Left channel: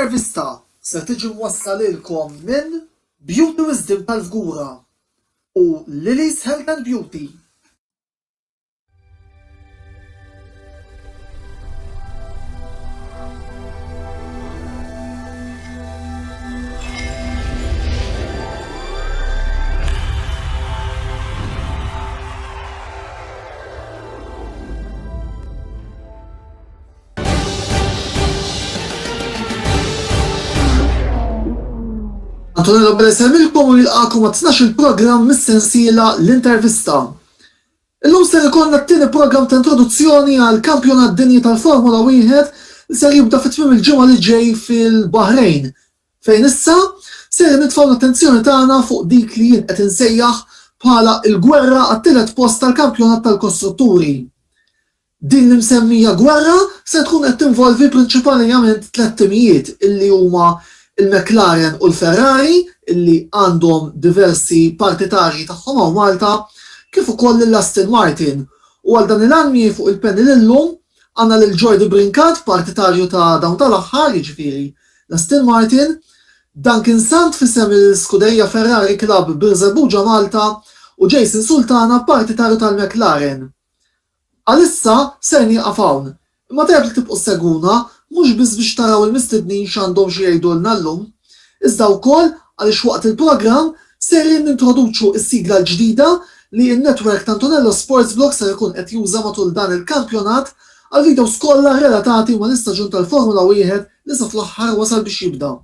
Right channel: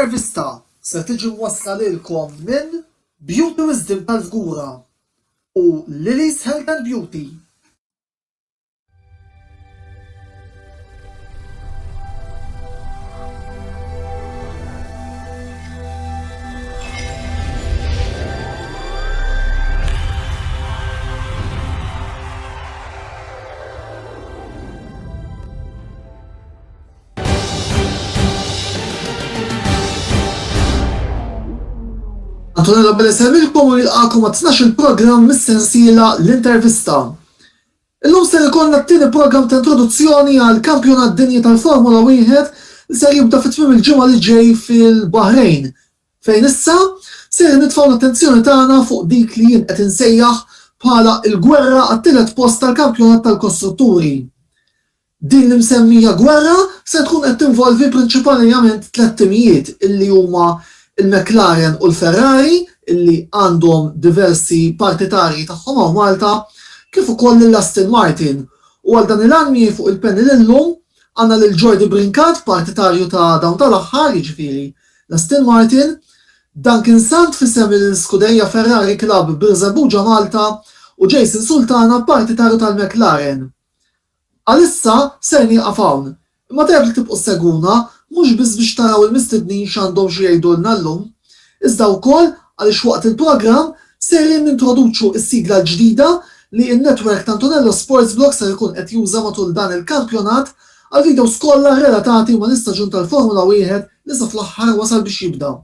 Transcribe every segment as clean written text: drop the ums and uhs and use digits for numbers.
L-intervista se tiġi mwassla lilkom minn Beauty Wisdom tal-Fgura u Lily's Health and Beauty. Antonella Belesemilkom u jilqakom għat 12 program mis-sensiela l-intervista. Illum ser ikollna t-tieni program ta' introduzzjoni għal kampjonat dinji tal-Formula 1 li ser jibda fit-tmiem il-ġimgħa li ġej fil-Bahrejn, fejn issa ser nitfgħu l-attenzjoni tagħna fuq dik li jien qed insejjaħ bħala l-gwerra għat-tielet post tal-kampjonat tal-kostrutturi. Din li msemmija gwerra se tkun qed tinvolvi prinċipalment tliet timijiet illi huma il-McLaren u l-Ferrari illi għandhom diversi partitarji tagħhom hawn Malta, kif ukoll l-Aston Martin. U għal dan il-għanmi fuq il-panel illum għandna lil Jordi Brinkat, partitarju ta' dawn tal-aħħar, jiġifieri l-Aston Martin, Duncan Sant fissem il-Scuderia Ferrari Club Birżebbuġa Malta u Jason Sultana, partitarju tal-McLaren. Għalissa ser nieqaf hawn, imma tajjeb li tibqgħu seguna mhux biss biex taraw il-mistednin x'għandhom xi jgħidulna llum, iżda wkoll għaliex waqt il-programm ser nintroduċu s-sigla ġdida li n-netwerk ta' Antonello Sports Blog ser ikun qed juża matul dan il-kampjonat għal videos kollha relatati ma' l-istaġun tal-Formula 1 li sa fl-aħħar wasal biex jibda.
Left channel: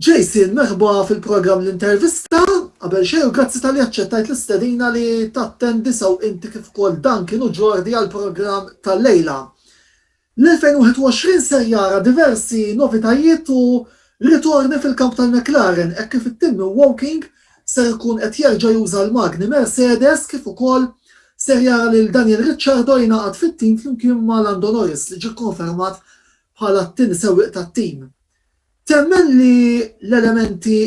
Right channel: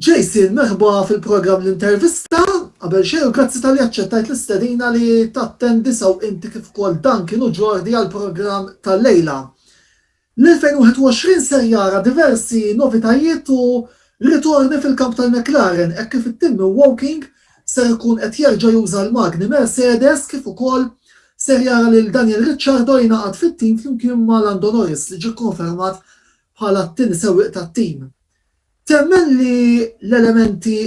Jason, merħba fil-programm l-intervista, qabel xejn u grazzi tal-li aċċettajt l-istedina li tattendi sew inti kif ukoll Duncan u Jordi għall-programm tal-lejla. L-2021 ser jara diversi novitajiet u ritorni fil-kamp tal-McLaren hekk kif it-tim Woking ser ikun qed jerġa' juża l-magni Mercedes kif ukoll ser jara lil Daniel Ricciardo jingħaqad fit-tim flimkien ma' Lando Norris li ġie kkonfermat bħala t-tieni sewwieq tat-tim. Temmen li l-elementi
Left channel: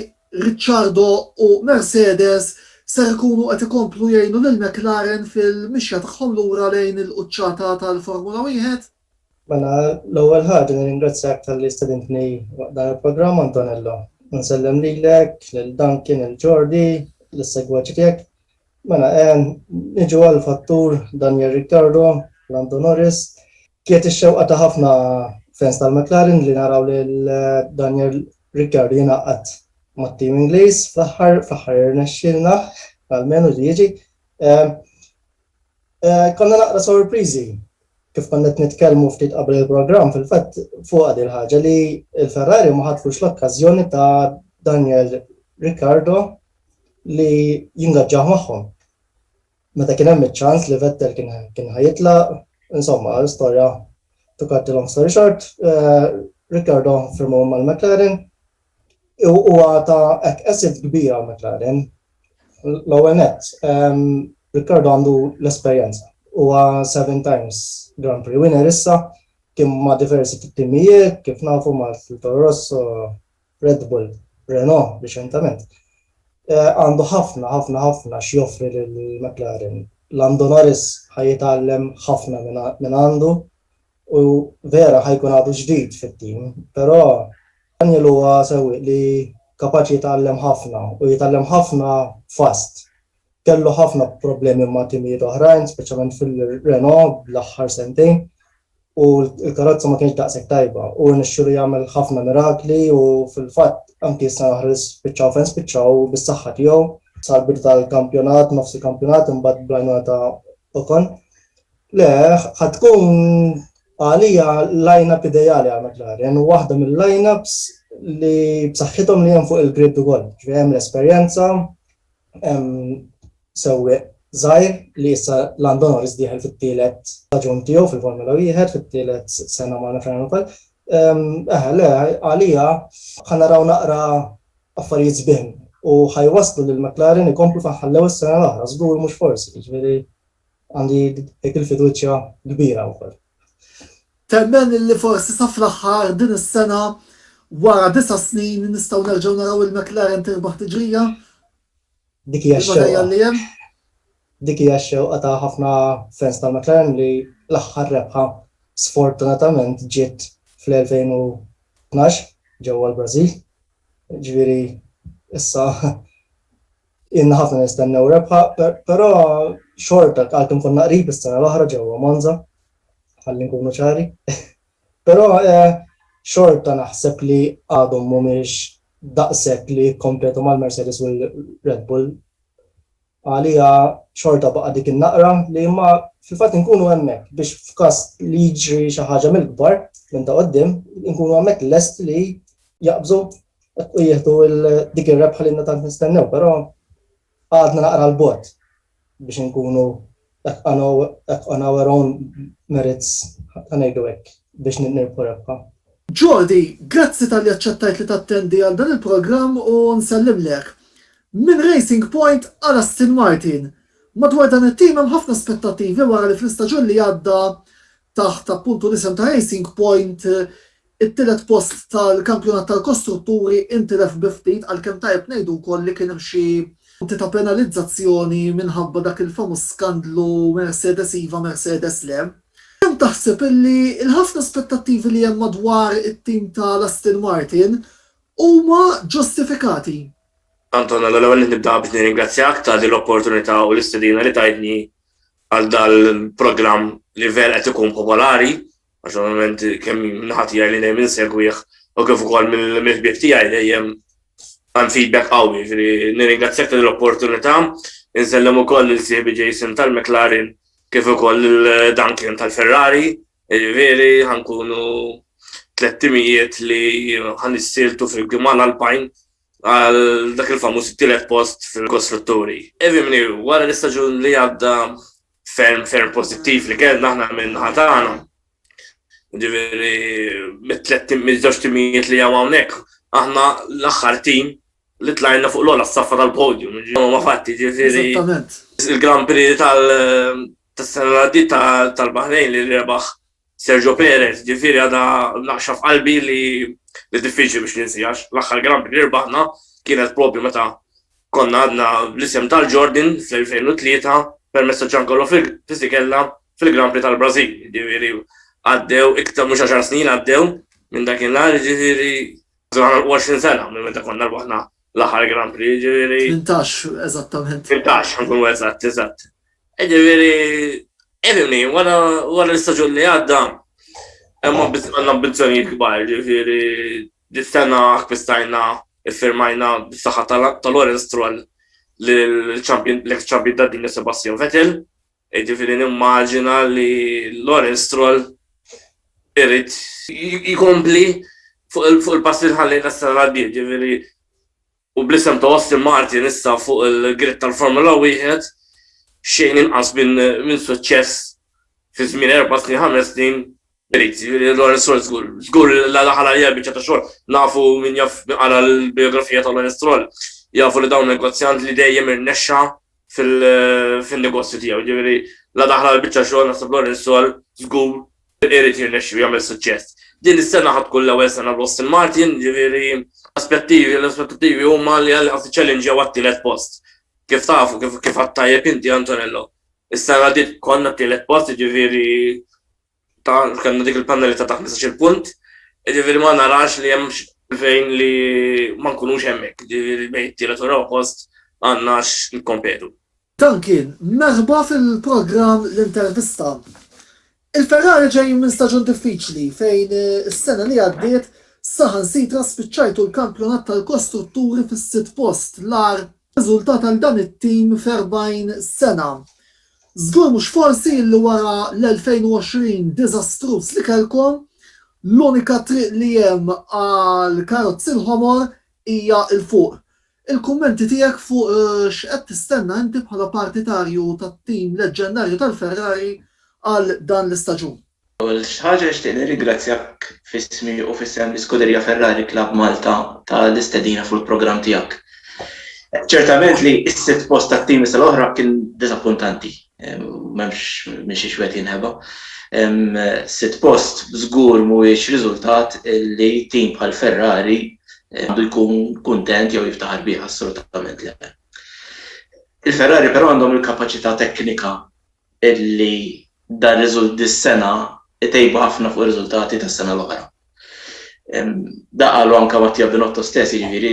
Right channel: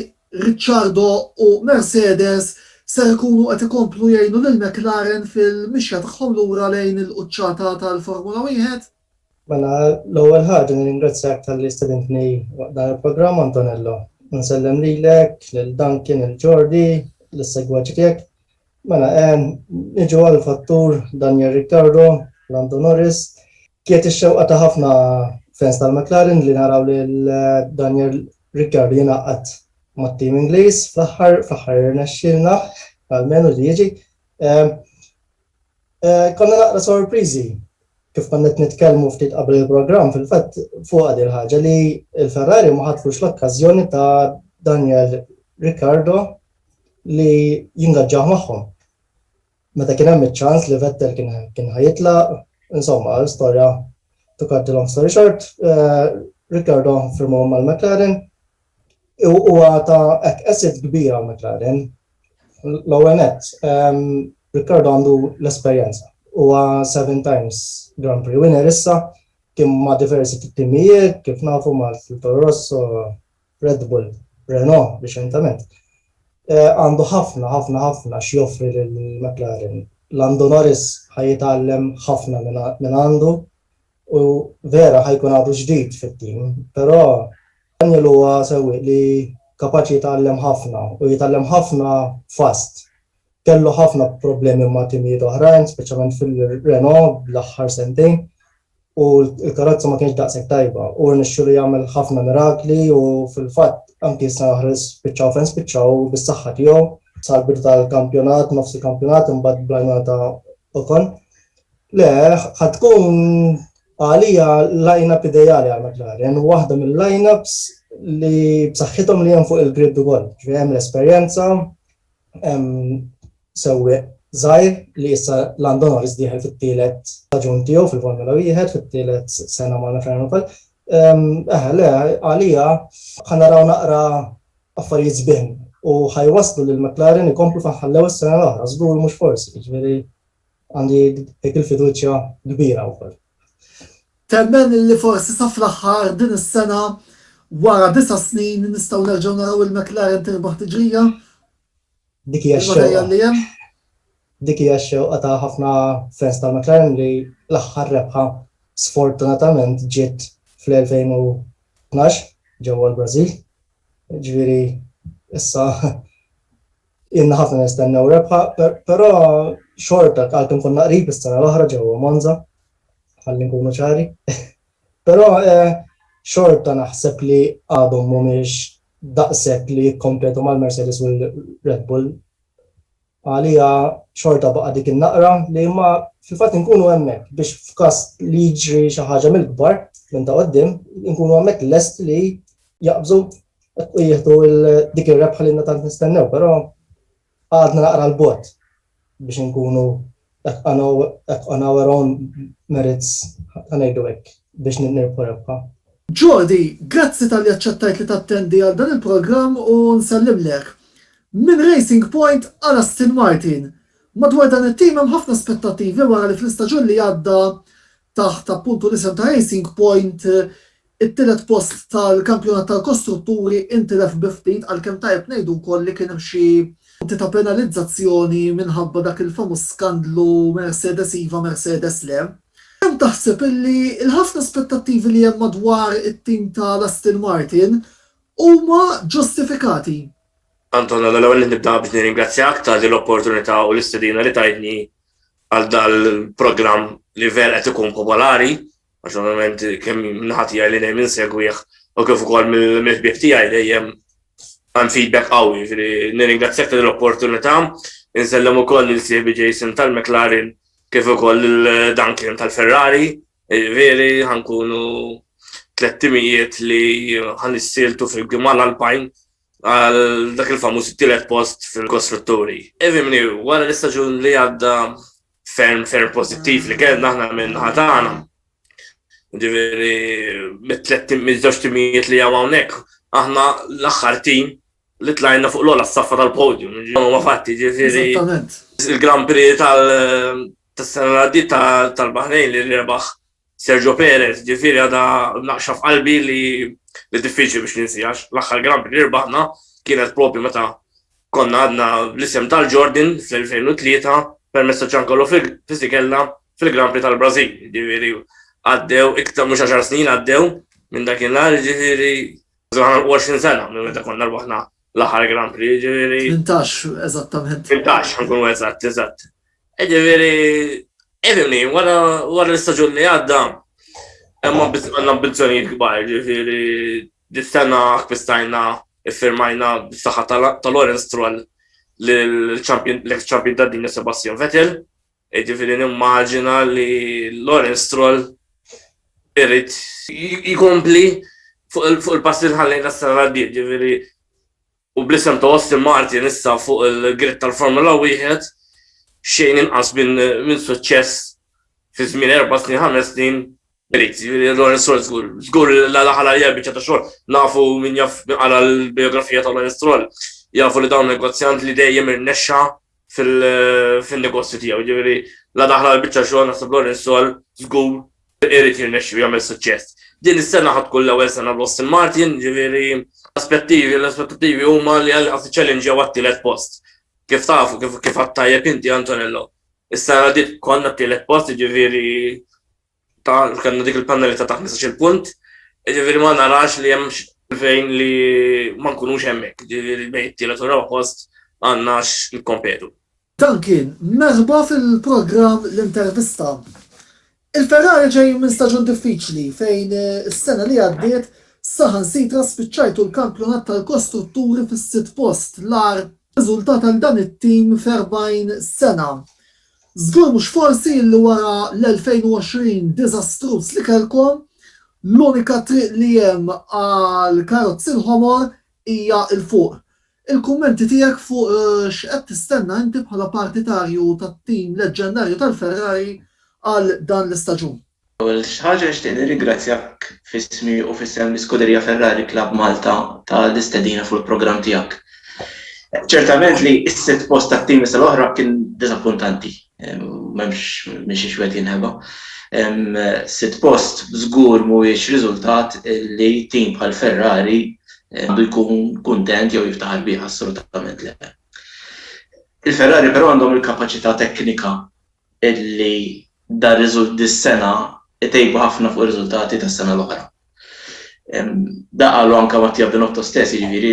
Ricciardo u Mercedes ser ikunu qed ikomplu jgħinu lil McLaren fil-mixja tagħhom lura lejn il-quċċata tal-Formula 1? Mela, l-ewwel ħaġa nirringrazzjak tal-li stedintni dan il-programm Antonello. Nsellem lilek, lil Duncan, il-Jordi, l-segwaċi tiegħek. Mela, niġu għall-fattur Daniel Ricciardo, Lando Norris. Kiet ix-xewqa ta' ħafna fans tal-McLaren li naraw lil Daniel Ricciardo jingħaqad mat-tim Ingliż fl-aħħar irnexxielna għalmenu li jiġi. Konna naqra sorpriżi kif konna nitkellmu ftit qabel il-programm fil-fatt fuq il ħaġa li l-Ferrari ma ħadfux l-okkażjoni ta' Daniel Ricciardo li jingaġġaħ magħhom. Meta kien hemm iċ-ċans li Vettel kien ħajitlaq, insomma, l-istorja to cut the long story short, Ricciardo firmu mal-McLaren huwa ta' asset kbira għal-McLaren. L-ewwel nett, Ricciardo għandu l-esperjenza. Huwa 7 times Grand Prix winner issa, kien ma' diversi timijiet, kif nafu ma' Toro Rosso, Red Bull, Renault reċentament. Għandu ħafna x'joffri lill-McLaren. Lando Norris ħajjitgħallem ħafna minn għandu u vera ħajkun għadu ġdid fit-tim, però Daniel huwa sewwieq li kapaċi jitgħallem ħafna u jitgħallem ħafna fast. Kellu ħafna problemi ma' timijiet oħrajn, speċjalment fil-Renault l-aħħar sentejn, u l-karozza ma kienx daqshekk tajba. U nixxielu jagħmel ħafna mirakli u fil-fatt anke issa spiċċaw bis-saħħa tiegħu sal-bidu tal-kampjonat, nofs il-kampjonat imbagħad bl-għajnuna ta' Ocon. Le, ħadkun għalija line-up ideali għal McLaren, waħda mill-line-ups li b'saħħithom li hemm fuq il-grid ukoll. Hemm l-esperjenza, sewwieq żgħir li issa Lando Norris dieħel fit-tielet staġun tiegħu fil-Formula 1 fit-tielet sena mal-McLaren ukoll. Le, għalija ħanaraw naqra affarijiet sbieħ u ħajwaslu lil McLaren ikomplu faħħallew is-sena l-oħra, żgur mhux forsi, jiġifieri għandi dik il-fiduċja kbira wkoll. Temmen li forsi sa fl-aħħar din is-sena wara 9 snin nistgħu nerġgħu naraw il-McLaren tirbaħ tiġrija? Dik hija x-xewqa ta' ħafna fans tal-McLaren li l-aħħar rebħa sfortunatament ġiet fl-2012 ġewwa l-Brażil. Ġifieri issa inna ħafna nistennew rebħa, però xorta għalkemm konna qrib is-sena l-oħra ġewwa Monza, ħalli nkunu ċari. Però xorta naħseb li għadhom mhumiex daqshekk li jikkompetu mal-Mercedes u l-Red Bull. Għalija xorta baqa' dik in-naqra li ma fil-fatt inkunu hemmhekk biex f'każ li jiġri xi ħaġa mill-kbar minn ta' qudiem inkunu hemmhekk lest li jaqbżu u jieħdu dik ir-rebħa li tant nistennew, però għadna naqra l-bot biex inkunu on our own merits ngħidu hekk biex nirpu rebħa. Jordi, grazzi tal-li aċċettajt li tattendi għal dan il-programm u nsellimlek. Min Racing Point għal Aston Martin. Madwar dan it-tim hemm ħafna aspettattivi wara li fl-istaġun li għadda taħt appuntu l-isem ta' Racing Point it-tielet post tal-kampjonat tal-kostrutturi intilef biftit għalkemm tajjeb ngħidu wkoll li kien hemm xi punti ta' penalizzazzjoni minħabba dak il-famuż skandlu Mercedes iva Mercedes le. Kemm taħseb illi l-ħafna aspettattivi li hemm madwar it-tim tal-Aston Martin huma ġustifikati? Anton, l-ewwel nibda biex nirringrazzjak ta' din l-opportunità u l-istedina li tajtni għal dal-programm li ver qed ikun popolari, għax ovvjament kemm naħati li dejjem insegwih u kif ukoll mill-ħbieb tiegħi dejjem hemm feedback qawwi. Nirringrazzjak ta' din l-opportunità, insellem ukoll il-sieħbi Jason tal-McLaren kif ukoll il-Duncan tal-Ferrari, veri ħankunu 300 li ħanissiltu fil-Gimal Alpine għal dak il-famuż it-tielet post fil-kostrutturi. Evimni, wara l-istaġun li għadda ferm pozittiv li kellna aħna minn ħatana. Ġifieri mit-żewġ timijiet li hemm hawnhekk, aħna l-aħħar tim li tlajna fuq l-ogħla s-saffa tal-podium. Ma fatti ġifieri il-Grand Prix tas-sena l-għaddiet tal-Baħrejn li rebaħ Sergio Perez, ġifieri għadha naqxa f'qalbi li diffiċli biex ninsijax. L-aħħar Grand Prix rbaħna kienet propju meta konna għadna l-isem tal-Jordan fl-2003 permezz ta' Giancarlo Fisichella fil-Grand Prix tal-Brażil. Ġifieri għaddew iktar mhux 10 snin għaddew minn dakinhar, ġifieri 20 sena minn meta konna rbaħna l-aħħar Grand Prix, ġifieri 18 eżattament. 18 nkunu eżatt. Ġifieri evimni wara l-istaġun li għadda hemm għandna ambizzjonijiet kbar, ġifieri dis-sena akkwисtajna iffirmajna bis-saħħa ta' Lawrence Stroll l-ex-champion tad-dinja Sebastian Vettel. Ġifieri nimmaġina li Lawrence Stroll irid jkompli fuq il-pass li ħallejna s-sena l-għaddiet, ġifieri u bl-isem ta' Aston Martin issa fuq il-gritt tal-Formula 1 xejn inqas minn suċċess fi żmien 4 snin 5 snin. Lawrence Stroll żgur l-daħal għalija biċċa ta' xogħol nafu min jaf għala l-biografija ta' Lawrence Stroll jafu li dawn negozjant li dejjem irnexxa fil-negozju tiegħu. Ġifieri l-daħal għal biċċa xogħol naħseb Lawrence Stroll żgur irid jirnexxi u jagħmel suċċess. Din is-sena ħadd tkun l-ewwel sena b'Aston Martin, ġifieri l-aspettattivi huma li qed iċċellenġjaw għat-tielet post. Kif tafu kif għattajjeb inti Antonello. Is-sena dit konna t-tielet post, ġifieri kanna dik il-panelli ta' 15 punt, ġifieri ma narax li hemm fejn li ma nkunux hemmhekk, ġifieri bejn it-tielet u raba post għandnax nikkompetu. Dan kien merħba fil-programm l-intervista. Il-Ferrari ġej minn staġun diffiċli fejn is-sena li għaddiet saħansitra spiċċajtu l-kampjonat tal-kostrutturi fis-sitt post l-ar riżultat għal dan it-tim f'40 sena. Żgur mhux forsi li wara l-2020 diżastruż li kellkom l-unika triq li hemm għal karozzi l-ħomor hija l-fuq. Il-kummenti tiegħek fuq x'qed tistenna inti bħala partitarju tat-tim leġġendarju tal-Ferrari għal dan l-istaġun. Ewwel ħaġa nixtieq nirringrazzjak f'ismi u f'isem l-Iskuderija Ferrari Club Malta tal-istedina fuq il-programm tiegħek. Ċertament li s-sitt post tat-tim l-oħra kien diżappuntanti, m'hemmx minn xi xwed jinħeba. Sitt post żgur mhuwiex riżultat li tim bħal Ferrari għandu jkun kuntent jew jiftaħar bih assolutament le. Il-Ferrari però għandhom il-kapaċità teknika illi dan dis-sena itejbu ħafna fuq ir-riżultati tas-sena l-oħra. Da qalu anke Mattia Binotto stess, jiġifieri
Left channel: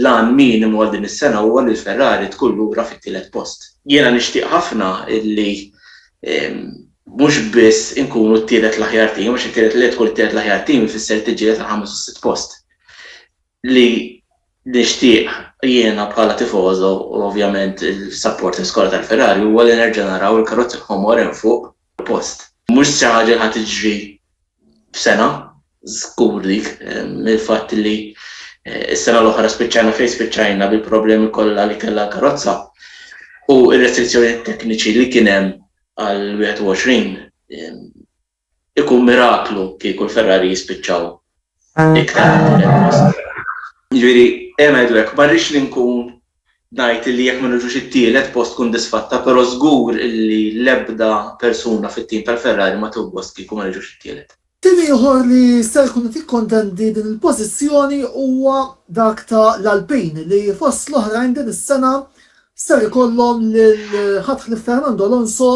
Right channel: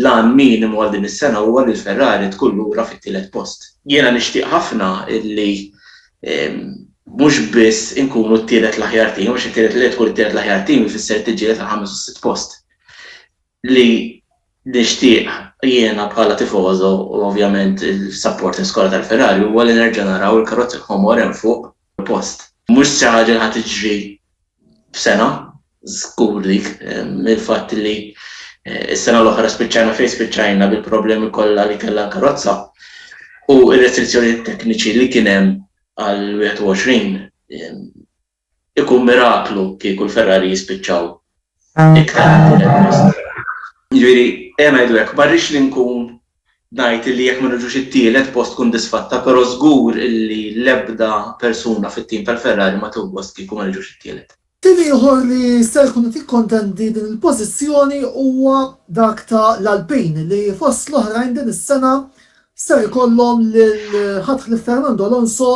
l-għan minimu għal din is-sena huwa li l-Ferrari tkun lura fit-tielet post. Jiena nixtieq ħafna illi mhux biss inkunu t-tielet l-aħjar tim, għax it-tielet li tkun it-tielet l-aħjar tim ifisser tiġġieled għal 5 u 6 post. Li nixtieq jiena bħala tifoso u ovvjament il-supporters kollha tal-Ferrari huwa li nerġa' naraw il-karozzi ħomor hemm fuq il-post. Mhux xi ħaġa li ħadd tiġri f'sena, żgur dik, mill-fatt li s-sena l-oħra spiċċajna fejn spiċċajna bil-problemi kollha li kellha l-karozza u r-restrizzjoni tekniċi li kien hemm għal 21 ikun miraklu kieku l-Ferrari jispiċċaw iktar. Jiġifieri hemm ngħidlek ma rridx li nkun ngħid li jekk ma niġux it-tielet post tkun disfatta, però żgur li l-ebda persuna fit-tim tal-Ferrari ma tubbost kieku ma niġux it-tielet. Tim ieħor li ser jkun tikkontendi din il-pożizzjoni huwa dak ta' l-Alpin li fost l-oħrajn din is-sena ser ikollhom lil ħatħ li Fernando Alonso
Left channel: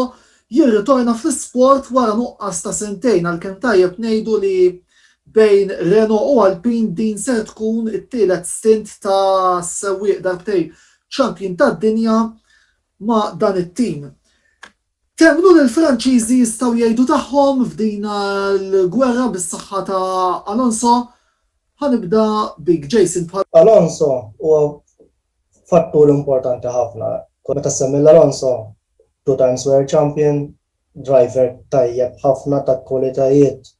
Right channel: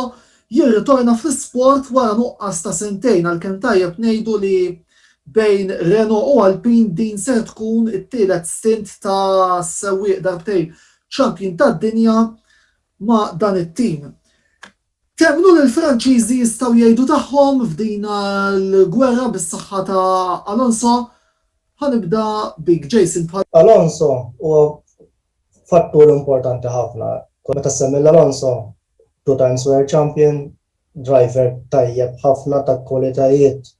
jirritorna fl-isport wara nuqqas ta' sentejn għalkemm tajjeb ngħidu li bejn Renault u Alpin din ser tkun it-tielet stint ta' sewwieq darbtejn champion tad-dinja ma' dan it-tim. Temnu li l-Franċiżi jistgħu jgħidu tagħhom f'din l-gwerra bis-saħħa ta' Alonso. Ħanibda bik Jason. Alonso huwa fattur importanti ħafna. Meta semmi l-Alonso, 2 times world champion, driver tajjeb ħafna ta' kwalitajiet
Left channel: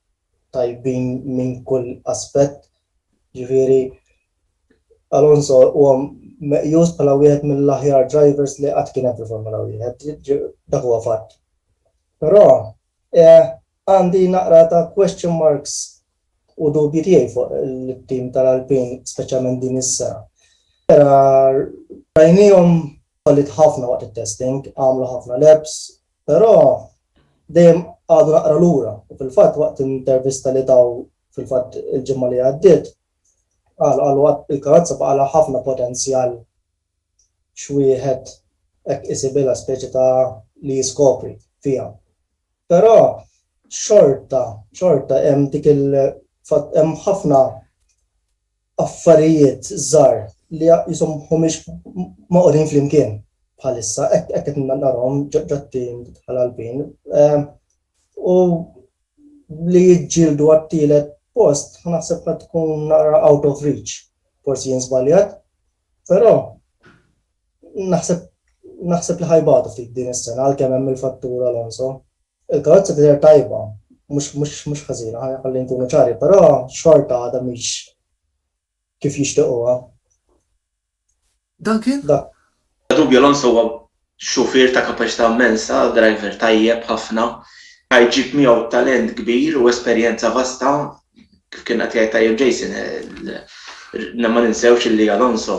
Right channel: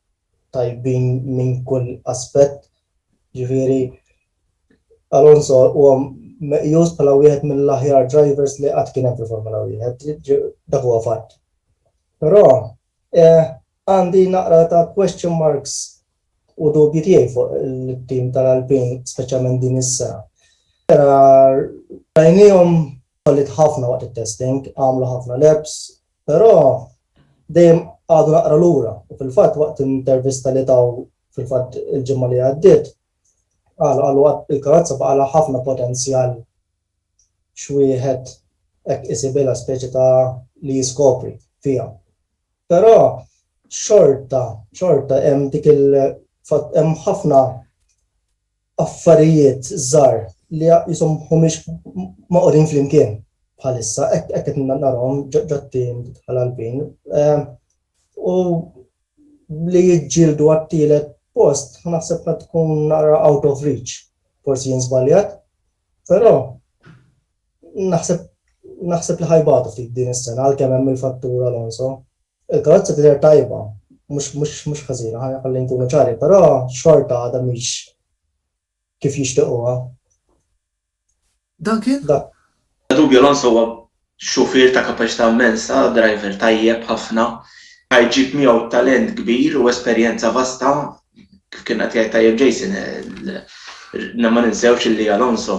tajbin minn kull aspett. Ġifieri Alonso huwa meqjus bħala wieħed mill-aħjar drivers li qatt kien hemm fil-Formula 1, dak huwa fatt. Però għandi naqra ta' question marks u dubji tiegħi fuq il-tim tal-Alpin, speċjalment din is-sena. Rajniehom ħallit ħafna waqt it-testing, għamlu ħafna laps, però dejjem għadu naqra lura. U fil-fatt waqt intervista li taw fil-fatt il-ġimgħa li għaddiet, għalu il-karozza baqala ħafna potenzjal xwieħed hekk isibilha speċi ta' li jiskopri fiha. Però xorta hemm dik hemm ħafna affarijiet żgħar li jisom mhumiex maqogħdin flimkien bħalissa hekk qed narahom ġattin bħal-Alpin. U li jiġġieldu għat-tielet post, naħseb ma tkun out of reach, forsi jinsbaljat, però naħseb li ħajbatu ftit din is-sena għalkemm hemm il-fattur Alonso. Il-karozza tidher tajba, mhux ħażina, ħalli nkunu ċari, però xorta għadha mhix kif jixtiequha. Duncan? Dubju Alonso huwa xufier ta' kapaċità immensa, driver tajjeb ħafna, ħajġib miegħu talent kbir u esperjenza vasta. Kif kien qed jgħid tajjeb Jason, ma ninsewx li Alonso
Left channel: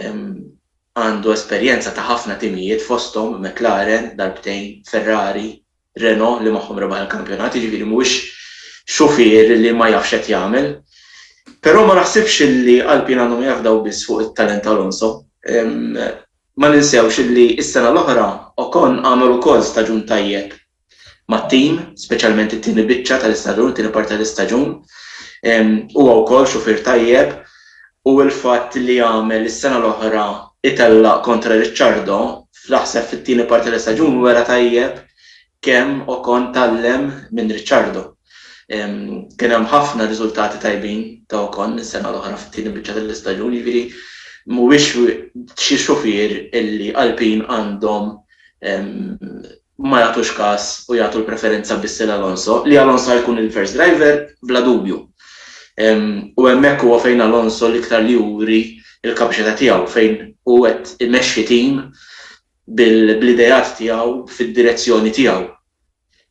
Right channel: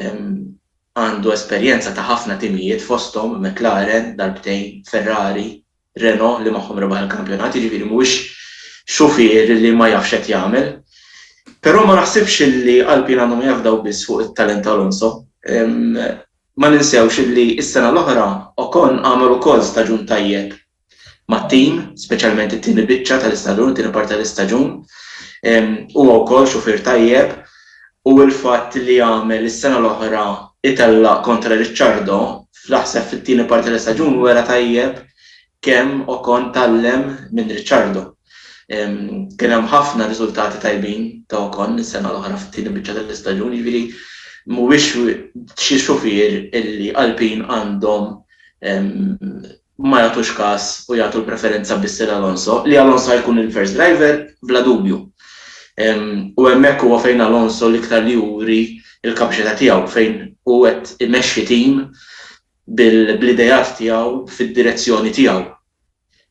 għandu esperjenza ta' ħafna timijiet fosthom McLaren, darbtejn, Ferrari, Renault li magħhom rebaħ il-kampjonat, jiġifieri mhuwiex xufier li ma jafx qed jagħmel. Però ma naħsibx li Alpin għandhom jafdaw biss fuq it-talent ta' Alonso. Ma ninsewx li s-sena l-oħra Ocon għamel ukoll staġun tajjeb mat-tim, speċjalment it-tieni biċċa tal-istaġun, it-tieni parti tal-istaġun. Huwa wkoll xufier tajjeb u l-fatt li għamel is-sena l-oħra itella kontra Ricciardo fl-aħseb fit-tieni parti tal-istaġun wera tajjeb kemm Ocon tallem minn Ricciardo. Kien hemm ħafna riżultati tajbin ta' Ocon is-sena l-oħra fit-tieni biċċa tal-istaġun, jiġifieri mhuwiex xi xufier illi Alpin għandhom ma jagħtux każ u jagħtu l-preferenza biss lil Alonso, li Alonso jkun il-first driver bla dubju. U hemmhekk huwa fejn Alonso l-iktar li juri il-kapaċità tiegħu fejn hu qed imexxi tim bil-idejat tiegħu fid-direzzjoni tiegħu.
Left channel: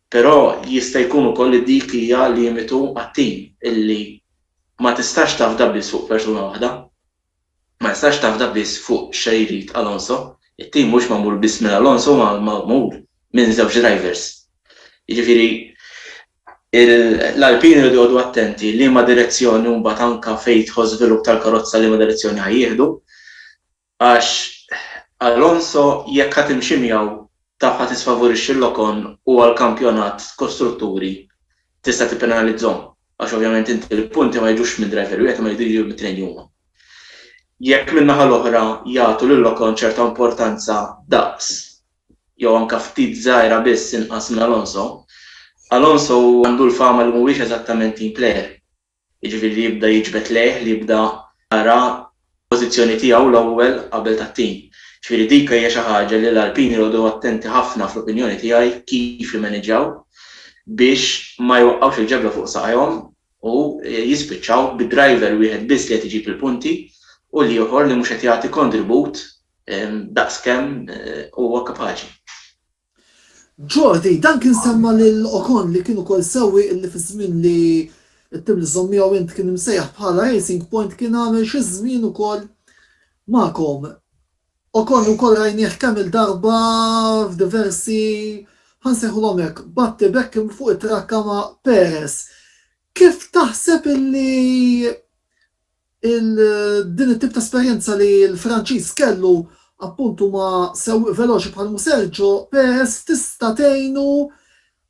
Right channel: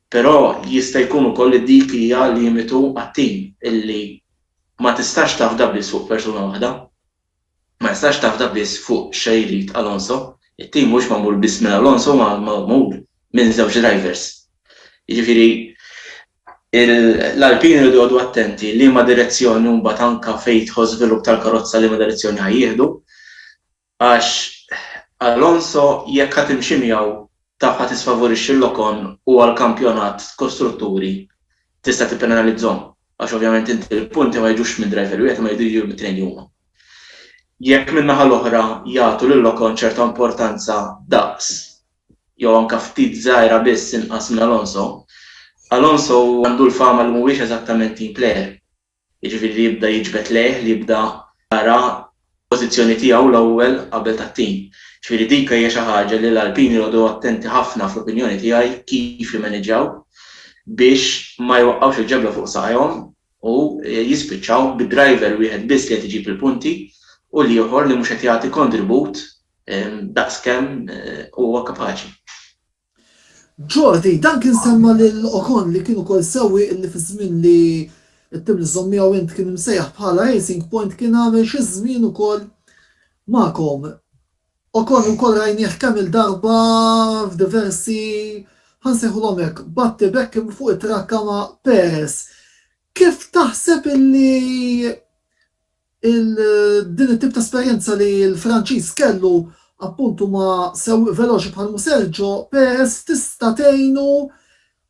Però jista' jkun ukoll dik hija limitu għat-tim illi ma tistax tafda biss fuq persuna waħda. Ma tistax tafda biss fuq xejrid Alonso. It-tim mhux magħmul biss minn Alonso ma magħmul minn żewġ drivers. Jiġifieri l-Alpini li jgħodu attenti li ma direzzjoni mbagħad anke fejn tħoss żvilupp tal-karozza li ma direzzjoni ħajjieħdu għax Alonso jekk ħadd imxi miegħu taf ħadd tisfavorixxi l-Ocon u għall-kampjonat kostrutturi tista' tippenalizzhom. għax ovvjament inti il-punti ma jiġux minn driver wieħed ma jiġu bit-tnejn huma. Jekk min-naħa l-oħra jagħtu lil-Ocon ċerta importanza daqs jew anke ftit żgħira biss inqas minn Alonso għandu l-fama li mhuwiex eżattament team player. Jiġifieri li jibda jiġbed lejh, li jibda jara pożizzjoni tiegħu l-ewwel qabel tat-tim. Ġifieri dik hija xi ħaġa li l-Alpini jgħodu attenti ħafna fl-opinjoni tiegħi kif jimmaniġġjaw biex ma jwaqqgħux il-ġebla fuq saqajhom u jispiċċaw bid-driver wieħed biss li qed iġib il-punti u li ieħor li mhux qed jagħti kontribut daqskemm huwa kapaċi. Jordi, dan kien semma lil Ocon li kienu kol sewwi li fi żmien li t-tim li żommija int kien imsejjaħ bħala Racing Point kien għamel xi żmien ukoll magħkom. Ocon ukoll rajnieh kemm il-darba f'diversi ħansejħulhom hekk batti bekk fuq it-trakka ma' Perez. Kif taħseb illi din it-tip ta' esperjenza li l-Franċiż kellu appuntu ma' sewwieq veloċi bħal Sergio Perez tista' tgħinu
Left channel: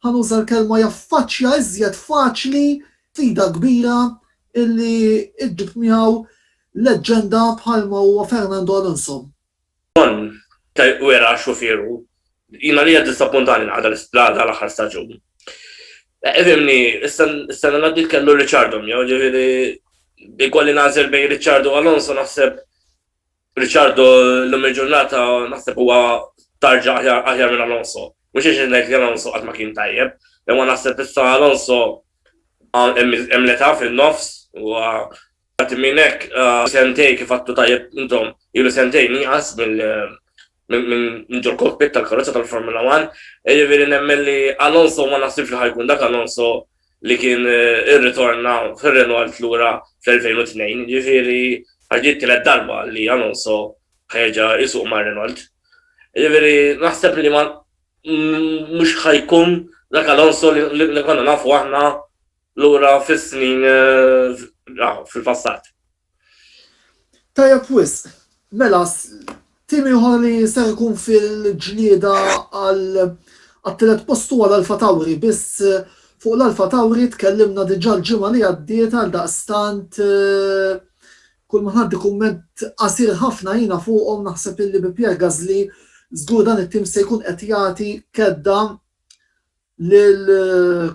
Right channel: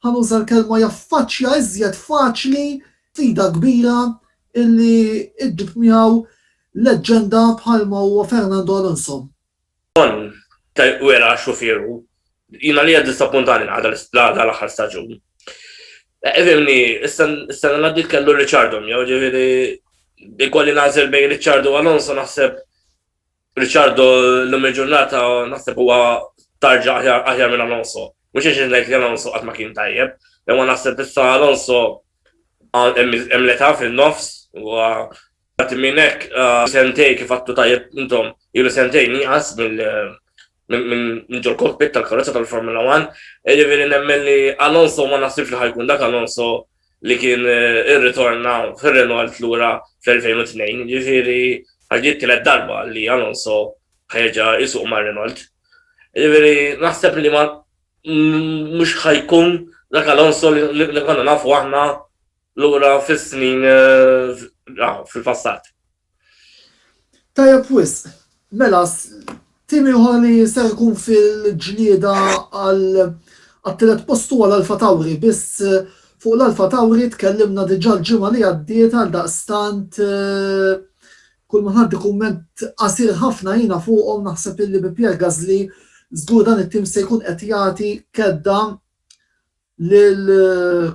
ħanuża l-kelma jaffaċċja iżjed faċli sfida kbira illi iġġib miegħu leġġenda bħalma huwa Fernando Alonso. Wera xufieru, jina li għad disappuntani għada l-aħħar staġun. Fimni, s-sena naddit kellu Ricciardo, ġiviri, ikolli nażel bejn Ricciardo u Alonso, naħseb Ricciardo l-lum il-ġurnata naħseb huwa tarġa aħjar minn Alonso. Mux iġinnek li Alonso għat ma kien tajjeb, imma naħseb issa Alonso emleta fil-nofs u għat minnek sentej kif għattu tajjeb intom, jilu sentej niqas minn ġol kokpit tal-karozza tal-Formula 1, ġiviri nemmen li Alonso ma naħsibx li ħajkun dak Alonso li kien ir-ritorna fil-Renault l-ura fl-2002, ġiviri ħarġiet tielet darba li Alonso ħerġa' jisuq ma' Renault. Ġiviri naħseb li ma mhux ħajkun dak Alonso li konna nafu aħna l-ura fis-snin fil-passat. Tajjeb wisq, mela tim ieħor li ser ikun fil-ġlieda għat-tielet postu għal Alfa Tauri, biss fuq l-Alfa Tauri tkellimna diġà l-ġimgħa li għaddiet għal daqstant kull ma ħaddi kumment qasir ħafna jiena fuqhom naħseb illi bi Pierre Gasly żgur dan it-tim se jkun qed jagħti kedda lil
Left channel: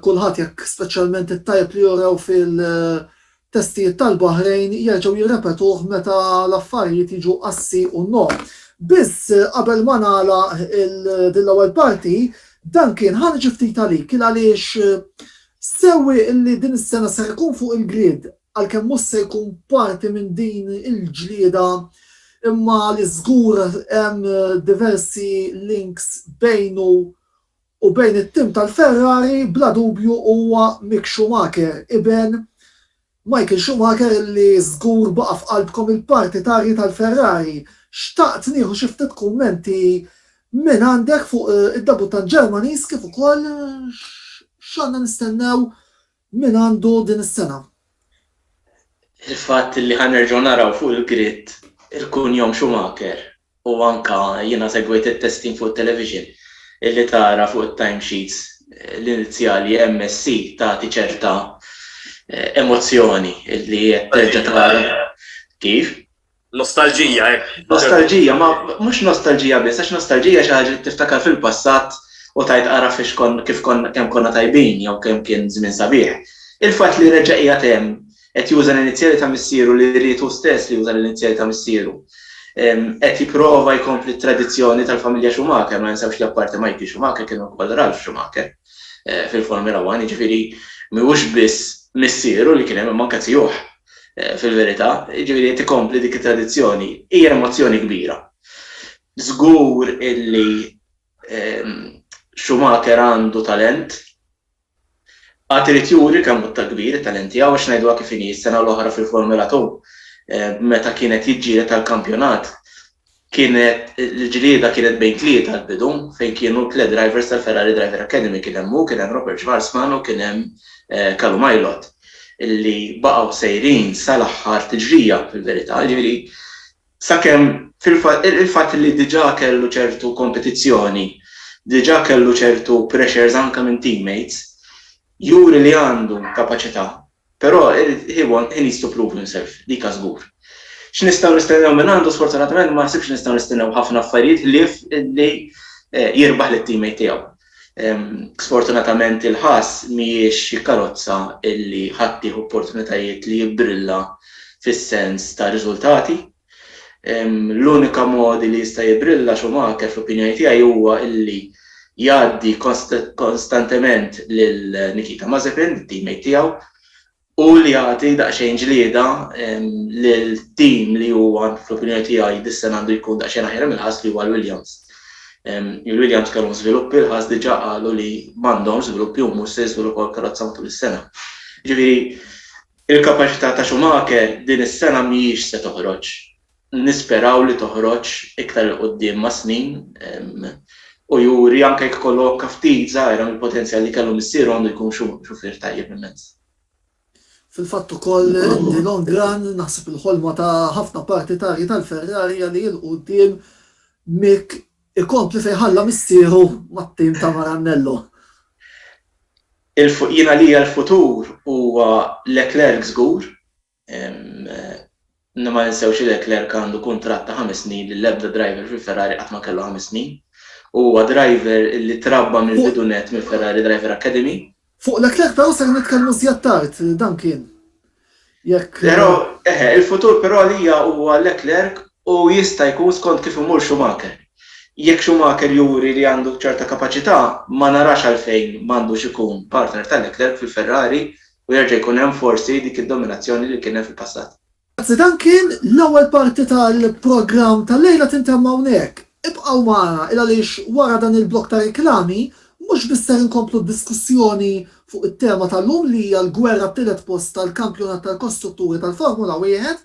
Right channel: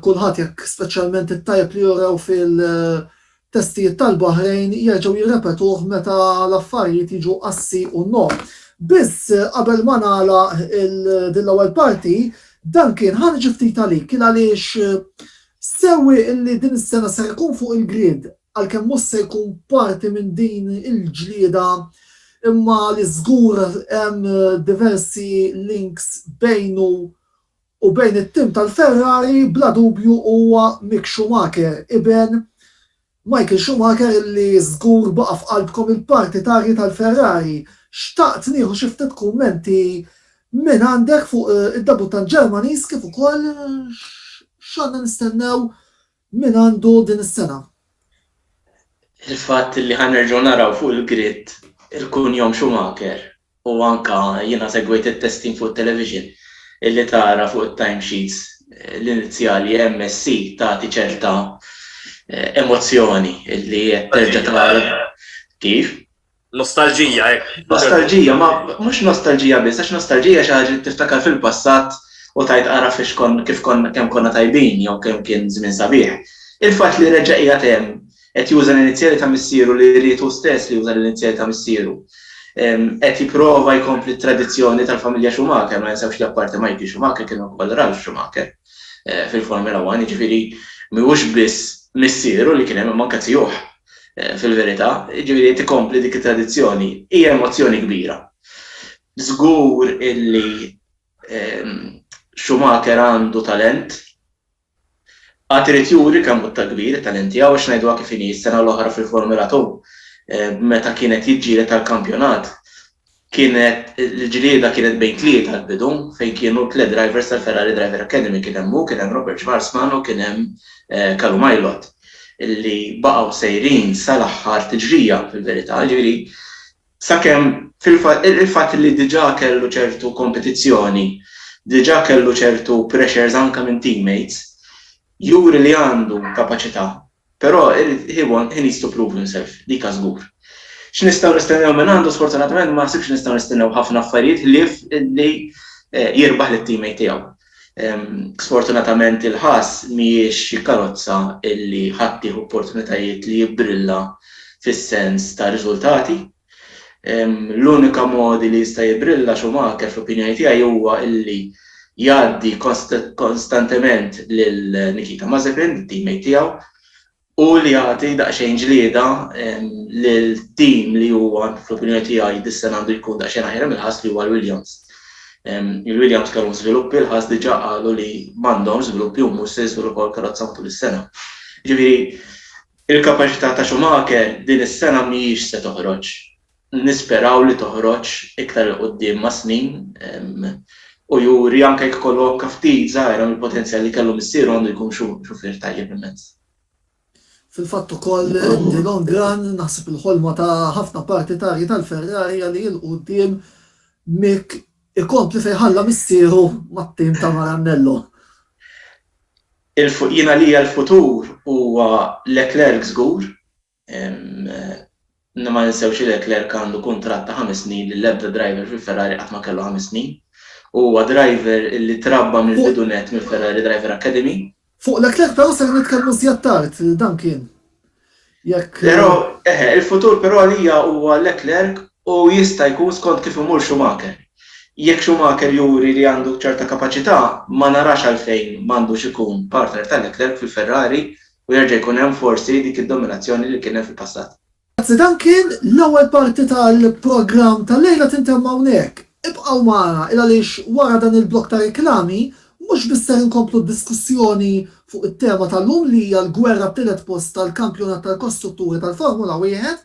kulħadd jekk speċjalment it-tajjeb li jorew fil-testijiet tal-Baħrejn jerġgħu jirrepetuh meta l-affarijiet jiġu qassi u no. Biss qabel ma nagħlaq din l-ewwel parti dan kien ħarġ ftit għalik kien għaliex sewwi illi din is-sena ser ikun fuq il-grid għalkemm mhux se jkun parti minn din il-ġlieda imma li żgur hemm diversi links bejnu u bejn it-tim tal-Ferrari bla dubju huwa Mick Schumacher iben Michael Schumacher li żgur baqa' f'qalbkom il-partitari tal-Ferrari. Xtaqt nieħu xi ftit kummenti minn għandek fuq id-debutant Ġermaniż kif ukoll x'għandna nistennew minn għandu din is-sena. Il-fatt li ħanerġgħu naraw fuq il-grid il-kunjom Schumacher u anka jiena segwejt it-testing fuq television illi tara fuq it-timesheets l-inizjali MSC tagħti ċerta emozzjoni illi qed terġa' tara kif. Nostalġija, Nostalġija, ma mhux nostalġija biss, għax nostalġija xi ħaġa li tiftakar fil-passat u tajt ara kif kemm konna tajbin jew kemm kien żmien sabiħ. Il-fatt li reġa' qiegħed hemm qed juża l-inizjali ta' missieru li rritu stess li juża l-inizjali ta' missieru. Qed jipprova jkompli t-tradizzjoni tal-familja Schumacher, ma jinsewx li apparti Michael Schumacher kienu wkoll Ralf Schumacher fil-Formula 1, jiġifieri mhuwiex biss missieru li kien hemm manka tieħu fil-verità, jiġifieri tikompli dik it-tradizzjoni hija emozzjoni kbira. Żgur illi Schumacher għandu talent, għad irid juri kemm ta' kbir it-talent tiegħu għax ngħiduha kif inhi s-sena l-oħra fil-Formula 2 meta kienet jiġġieled tal-kampjonat kienet il-ġlieda kienet bejn tlieta l-bidu fejn kienu tliet drivers tal-Ferrari Driver Academy kien hemm Robert Schwarzman u kien hemm Callum Ilott illi baqgħu sejrin sal-aħħar tiġrija fil-verità, jiġifieri sakemm il-fatt li diġà kellu ċertu kompetizzjoni, diġà kellu ċertu pressures anke minn teammates, juri li għandu kapaċità Però he needs to prove himself, dik żgur. X'nistgħu nistennew minn għandu sfortunatament ma ħsibx nistgħu nistennew ħafna affarijiet li jirbaħ lit-teammate tiegħu. Sfortunatament il-ħass mhijiex xi karozza illi ħadd tieħu opportunitajiet li jibbrilla fis-sens ta' riżultati. L-unika modi li jista' jibrilla Schumacher fl-opinjoni tiegħi huwa illi jgħaddi kostantement lil Nikita Mazepin, it-teammate tiegħu, u li jagħti daqsxejn ġlieda lil-team li huwa fl-opinjoni tiegħi dis-sena għandu jkun daqsxejn aħjar mill-ħass li huwa l-Williams. Il-Williams kellhom żviluppi, l-ħass diġà qalu li m'għandhomx żviluppi u mhux se jiżviluppaw l-karozza matul is-sena. Ġifieri il-kapaċità ta' Schumacher din is-sena mhijiex se toħroġ. Nisperaw li toħroġ iktar il qudiem ma' snin u juri anke jekk kollok ftit żgħira mill-potenzjal li kellu missieru għandu jkun xufier tajjeb immens. Fil-fatt ukoll li long run naħseb il-ħolma ta' ħafna partitarji tal-Ferrari li l-qudiem Mick ikompli fejn ħalla missieru mat-tim ta' Maranello. Jiena li l-futur huwa Leclerc żgur. Ma ninsewx Leclerc għandu kuntratt ta' 5 snin li l-ebda driver fil-Ferrari qatt ma kellu 5 snin. Huwa driver li trabba mill-bidunet mill-Ferrari Driver Academy. Fuq Leclerc però se nitkellmu żjed tard dan kien. Però il-futur però għalija huwa Leclerc u jista' jkun skont kif imur Schumacher. Jekk Schumacher juri li għandu ċerta kapaċità, ma narax għalfejn m'għandux ikun partner ta' Leclerc fil-Ferrari u jerġa' jkun hemm forsi dik id-dominazzjoni li kien hemm fil-passat. Grazzi, dan kien l-ewwel parti tal-programm tal-lejla tintemm hawnhekk. Ibqgħu magħna il għaliex wara dan il-blok ta' reklami mhux biss ser inkomplu d-diskussjoni fuq it-tema tal-lum li hija l-gwerra t-tielet post tal-kampjonat tal-kostrutturi tal-Formula 1,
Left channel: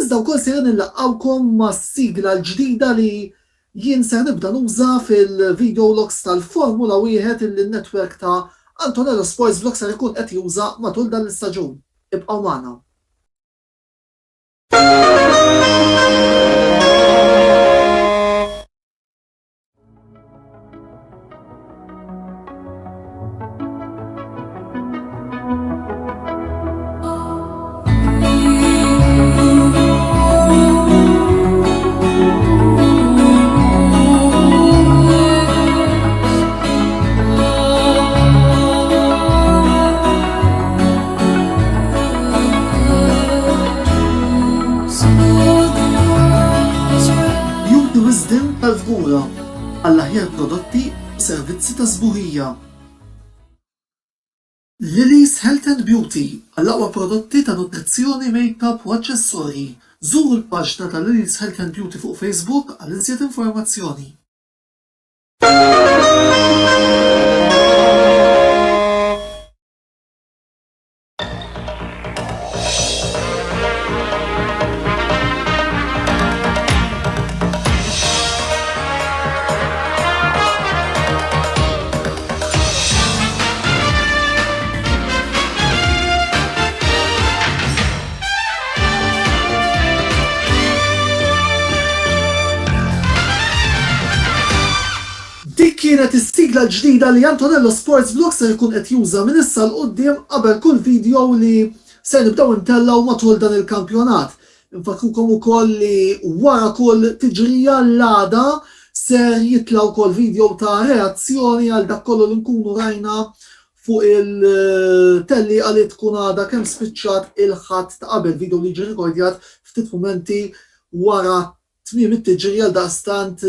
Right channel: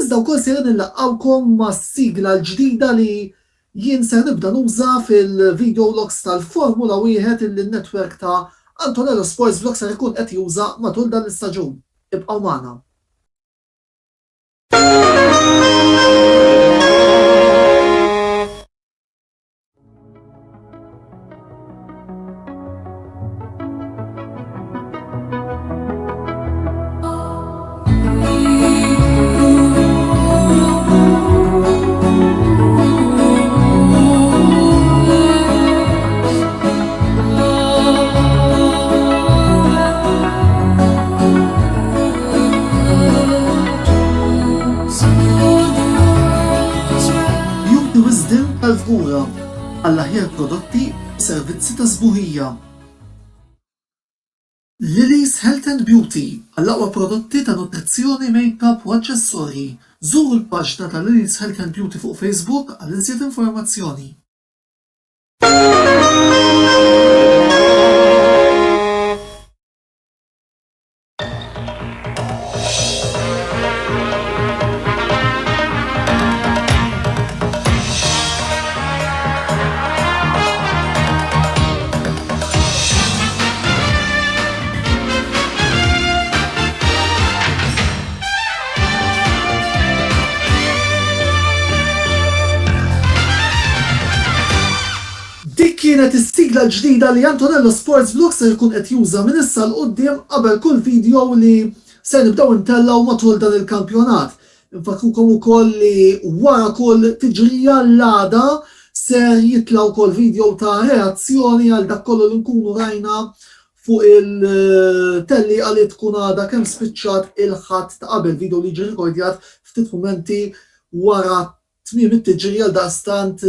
iżda wkoll ser nilaqgħukom mas-sigla l-ġdida li jien ser nibda nuża fil-video logs tal-Formula 1 illi n-netwerk ta' Antonello Sports Vlog ser ikun qed juża matul dan l-istaġun. Ibqgħu magħna. Għall-aħjar prodotti u servizzi ta' żbuħija. Lily's Health and Beauty għall-aqwa prodotti ta' nutrizzjoni, make-up u aċċessorji. Żuru l-paġna ta' Lily's Health and Beauty fuq Facebook għal iżjed informazzjoni. Kienet is-sigla ġdida li Antonello Sports Vlog se jkun qed juża minn issa l qudiem qabel kull video li se nibdew intellaw matul dan il-kampjonat. Infakrukom ukoll li wara kull tiġrija l-għada ser jitlaw ukoll video ta' reazzjoni għal dak kollu li nkunu rajna fuq il-telli għalit tkun għada kemm spiċċat il-ħadd ta' qabel video li ġi rekordjat ftit momenti wara tmiem it-tiġrija l-daqstant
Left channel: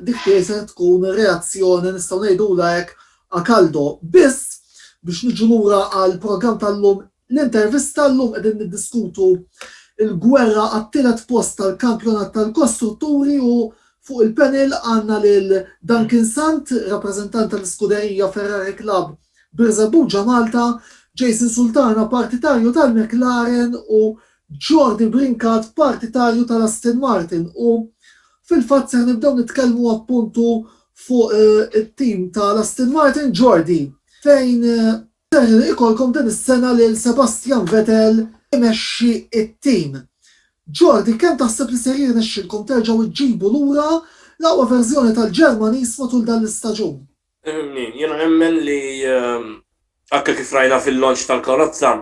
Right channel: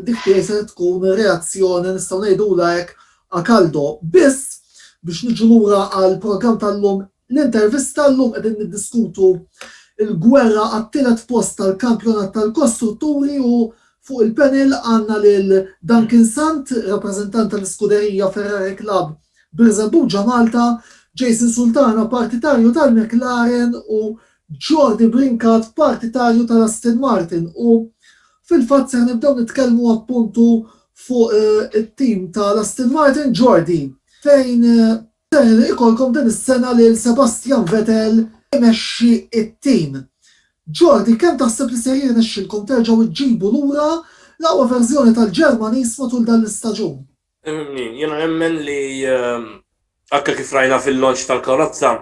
dik se tkun reazzjoni nistgħu ngħidula hekk akaldo. Biss biex niġu lura għall-programm tal-lum l-intervista llum qegħdin niddiskutu il-gwerra għat-tielet post tal-kampjonat tal-kostrutturi u fuq il-panel għandna lil Duncan Sant, rappreżentant tal-iskuderija Ferrari Club Birzabuġa Malta, Jason Sultana, partitarju tal-McLaren u Jordi Brinkat, partitarju tal-Aston Martin. U fil-fatt ser nibdew nitkellmu appuntu fuq it-tim tal-Aston Martin, Jordi, fejn ser ikolkom din is-sena lil Sebastian Vettel imexxi it-tim. Jordi, kemm taħseb li ser jirnexxilkom terġgħu iġġibu lura l-aqwa verżjoni tal-Ġermaniż matul dan l-istaġun? Jiena nemmen li anke kif rajna fil-launch tal-karozza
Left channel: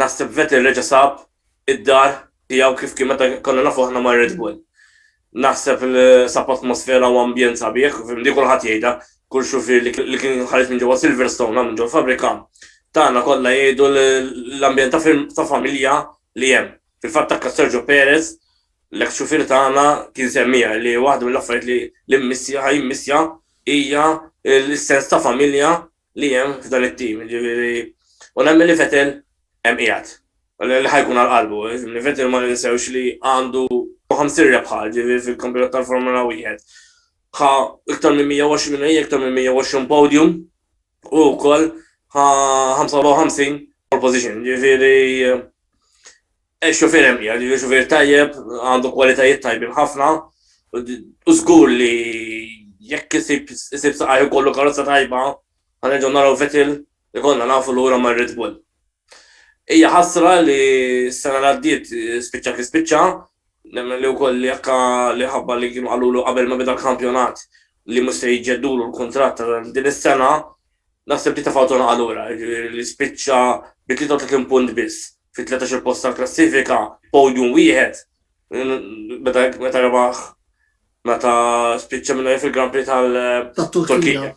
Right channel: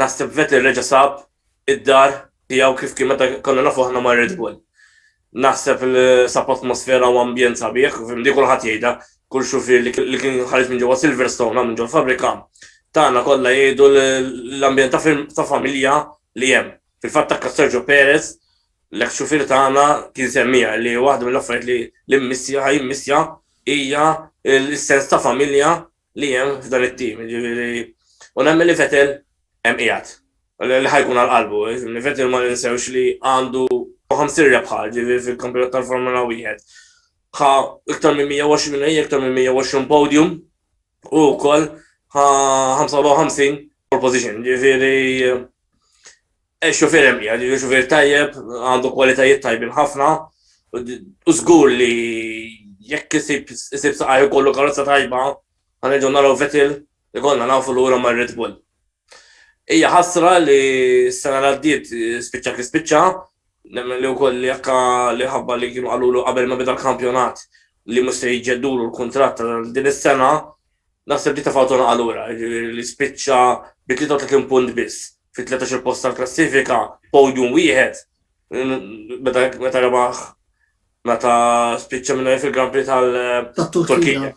Naħseb Vettel reġa' sab id-dar tiegħu kif kien meta konna nafu aħna ma' Red Bull. Naħseb li sab atmosfera u ambjent sabiħ, fimdi kulħadd jgħidha, kull xufier li kien ħareġ minn ġewwa Silverstone minn ġewwa fabrika, tagħna kollha jgħidu l-ambjent ta' familja li hemm. Fil-fatt ta' Sergio Perez, l-ex-xufier tagħna kien semmija li waħda mill-affarijiet li ħajmissja hija l-sens ta' familja li hemm f'dan it-tim. U nemmen li Vettel hemm qiegħed. Li ħajkun għal-qalbu. Vettel ma ninsewx li għandu 50 rebħa fil-kampjonat tal-Formula 1. ħa iktar minn 120 iktar minn 120 podium u wkoll ħa 55 pole position. Ġifieri xufier hemm qiegħed, xufier tajjeb, għandu kwalitajiet tajbin ħafna u żgur li jekk isib saqaj ikollu karozza tajba, ħanerġgħu naraw Vettel ikollna nafu lura ma' Red Bull. Hija ħasra li s-sena li għaddiet spiċċa, nemmen li wkoll li ħabba li kienu qalulu qabel ma bida l-kampjonat li mhux se jġeddulu l-kuntratt tal din is-sena, naħseb li tafawtuna qalura li spiċċa bi 33 punt biss fit-13 post tal-klassifika, podium wieħed, meta rebaħ meta spiċċa minnu fil-Grand Prix tal-Turkija.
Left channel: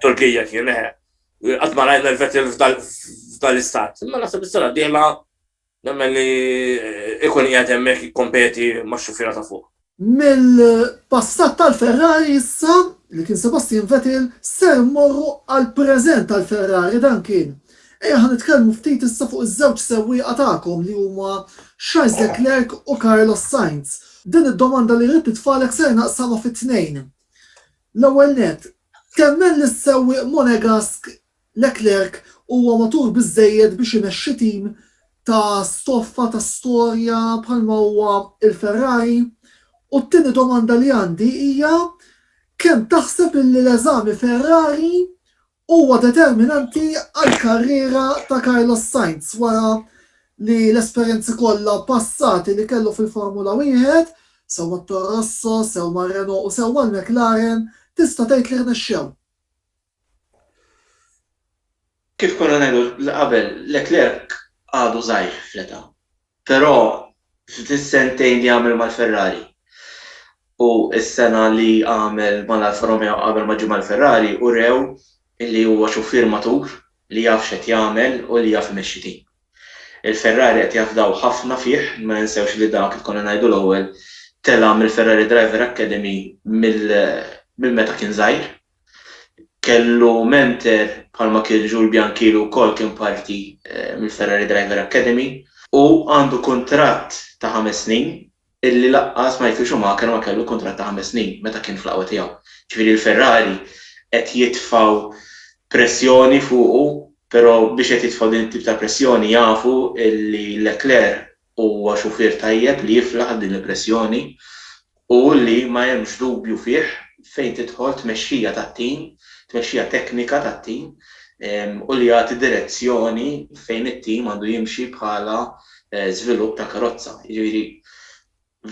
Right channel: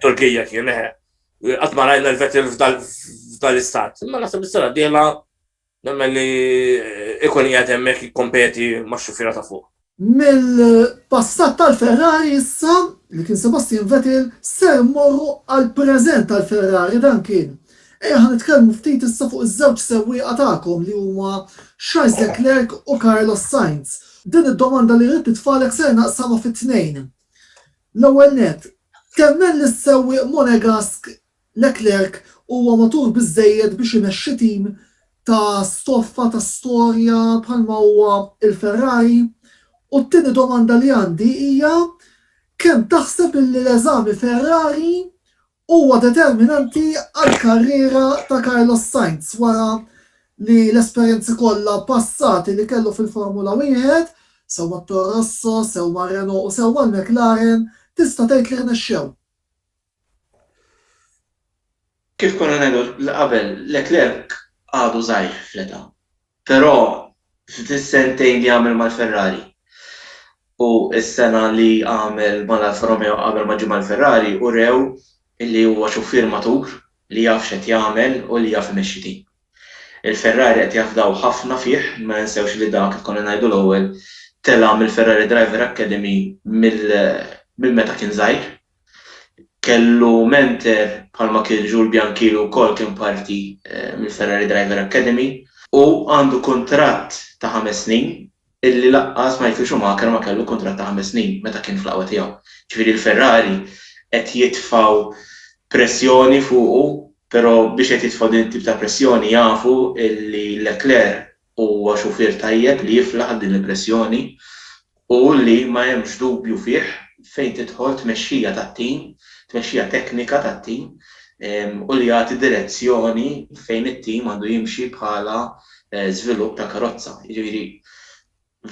Turkija kien qatt ma rajna l-Vettel f'dal-istat. Imma naħseb is-sena d-dieħla nemmen li ikun qiegħed hemmhekk jikkompeti max-xufiera ta' fuq. Mill-passat tal-Ferrari issa li kien Sebastian Vettel ser morru għall-preżent tal-Ferrari dan kien. Ħan nitkellmu ftit issa fuq iż-żewġ sewwieqa tagħkom li huma Charles Leclerc u Carlos Sainz. Din id-domanda li rrid titfalek ser naqsamha fit-tnejn. L-ewwel nett, kemmen li s-sewwieq Monegask Leclerc huwa matur biżżejjed biex imexxi tim ta' stoffa ta' storja bħalma huwa il-Ferrari. U t-tieni domanda li għandi hija kemm taħseb li l-eżami Ferrari huwa determinanti għall-karriera ta' Carlos Sainz wara li l-esperjenzi kollha passati li kellu fil-Formula 1 sewwa Toro Rosso, sewwa Renault u sewwa l-McLaren tista' tgħid li rnexxew. Kif konna ngħidu qabel Leclerc għadu żgħir fl-età. Però fis-sentejn li għamel mal-Ferrari u s-sena li għamel mal-Alfa Romeo qabel ma ġie mal-Ferrari u rew illi huwa xufier matur li jaf x'qed jagħmel u li jaf imexxi tim. Il-Ferrari qed jafdaw ħafna fih, ma ninsewx li dak kif konna ngħidu l-ewwel tela mill-Ferrari Driver Academy mill-meta kien żgħir. Kellu mentor bħalma kien Jules Bianchi wkoll kien parti mill-Ferrari Driver Academy u għandu kuntratt ta' 5 snin illi laqqas ma jfixu ma kellu kuntratt ta' 5 snin meta kien fl-qawwa tiegħu. Ġifieri l-Ferrari qed jitfgħu pressjoni fuqu, però biex qed jitfgħu din it-tip ta' pressjoni jafu li Leclerc huwa xufier tajjeb li jiflaħ din il-pressjoni u li ma hemmx dubju fih fejn tidħol tmexxija tat-tim, tmexxija teknika tat-tim u li jagħti direzzjoni fejn it-tim għandu jimxi bħala żvilupp ta' karozza. Jiġifieri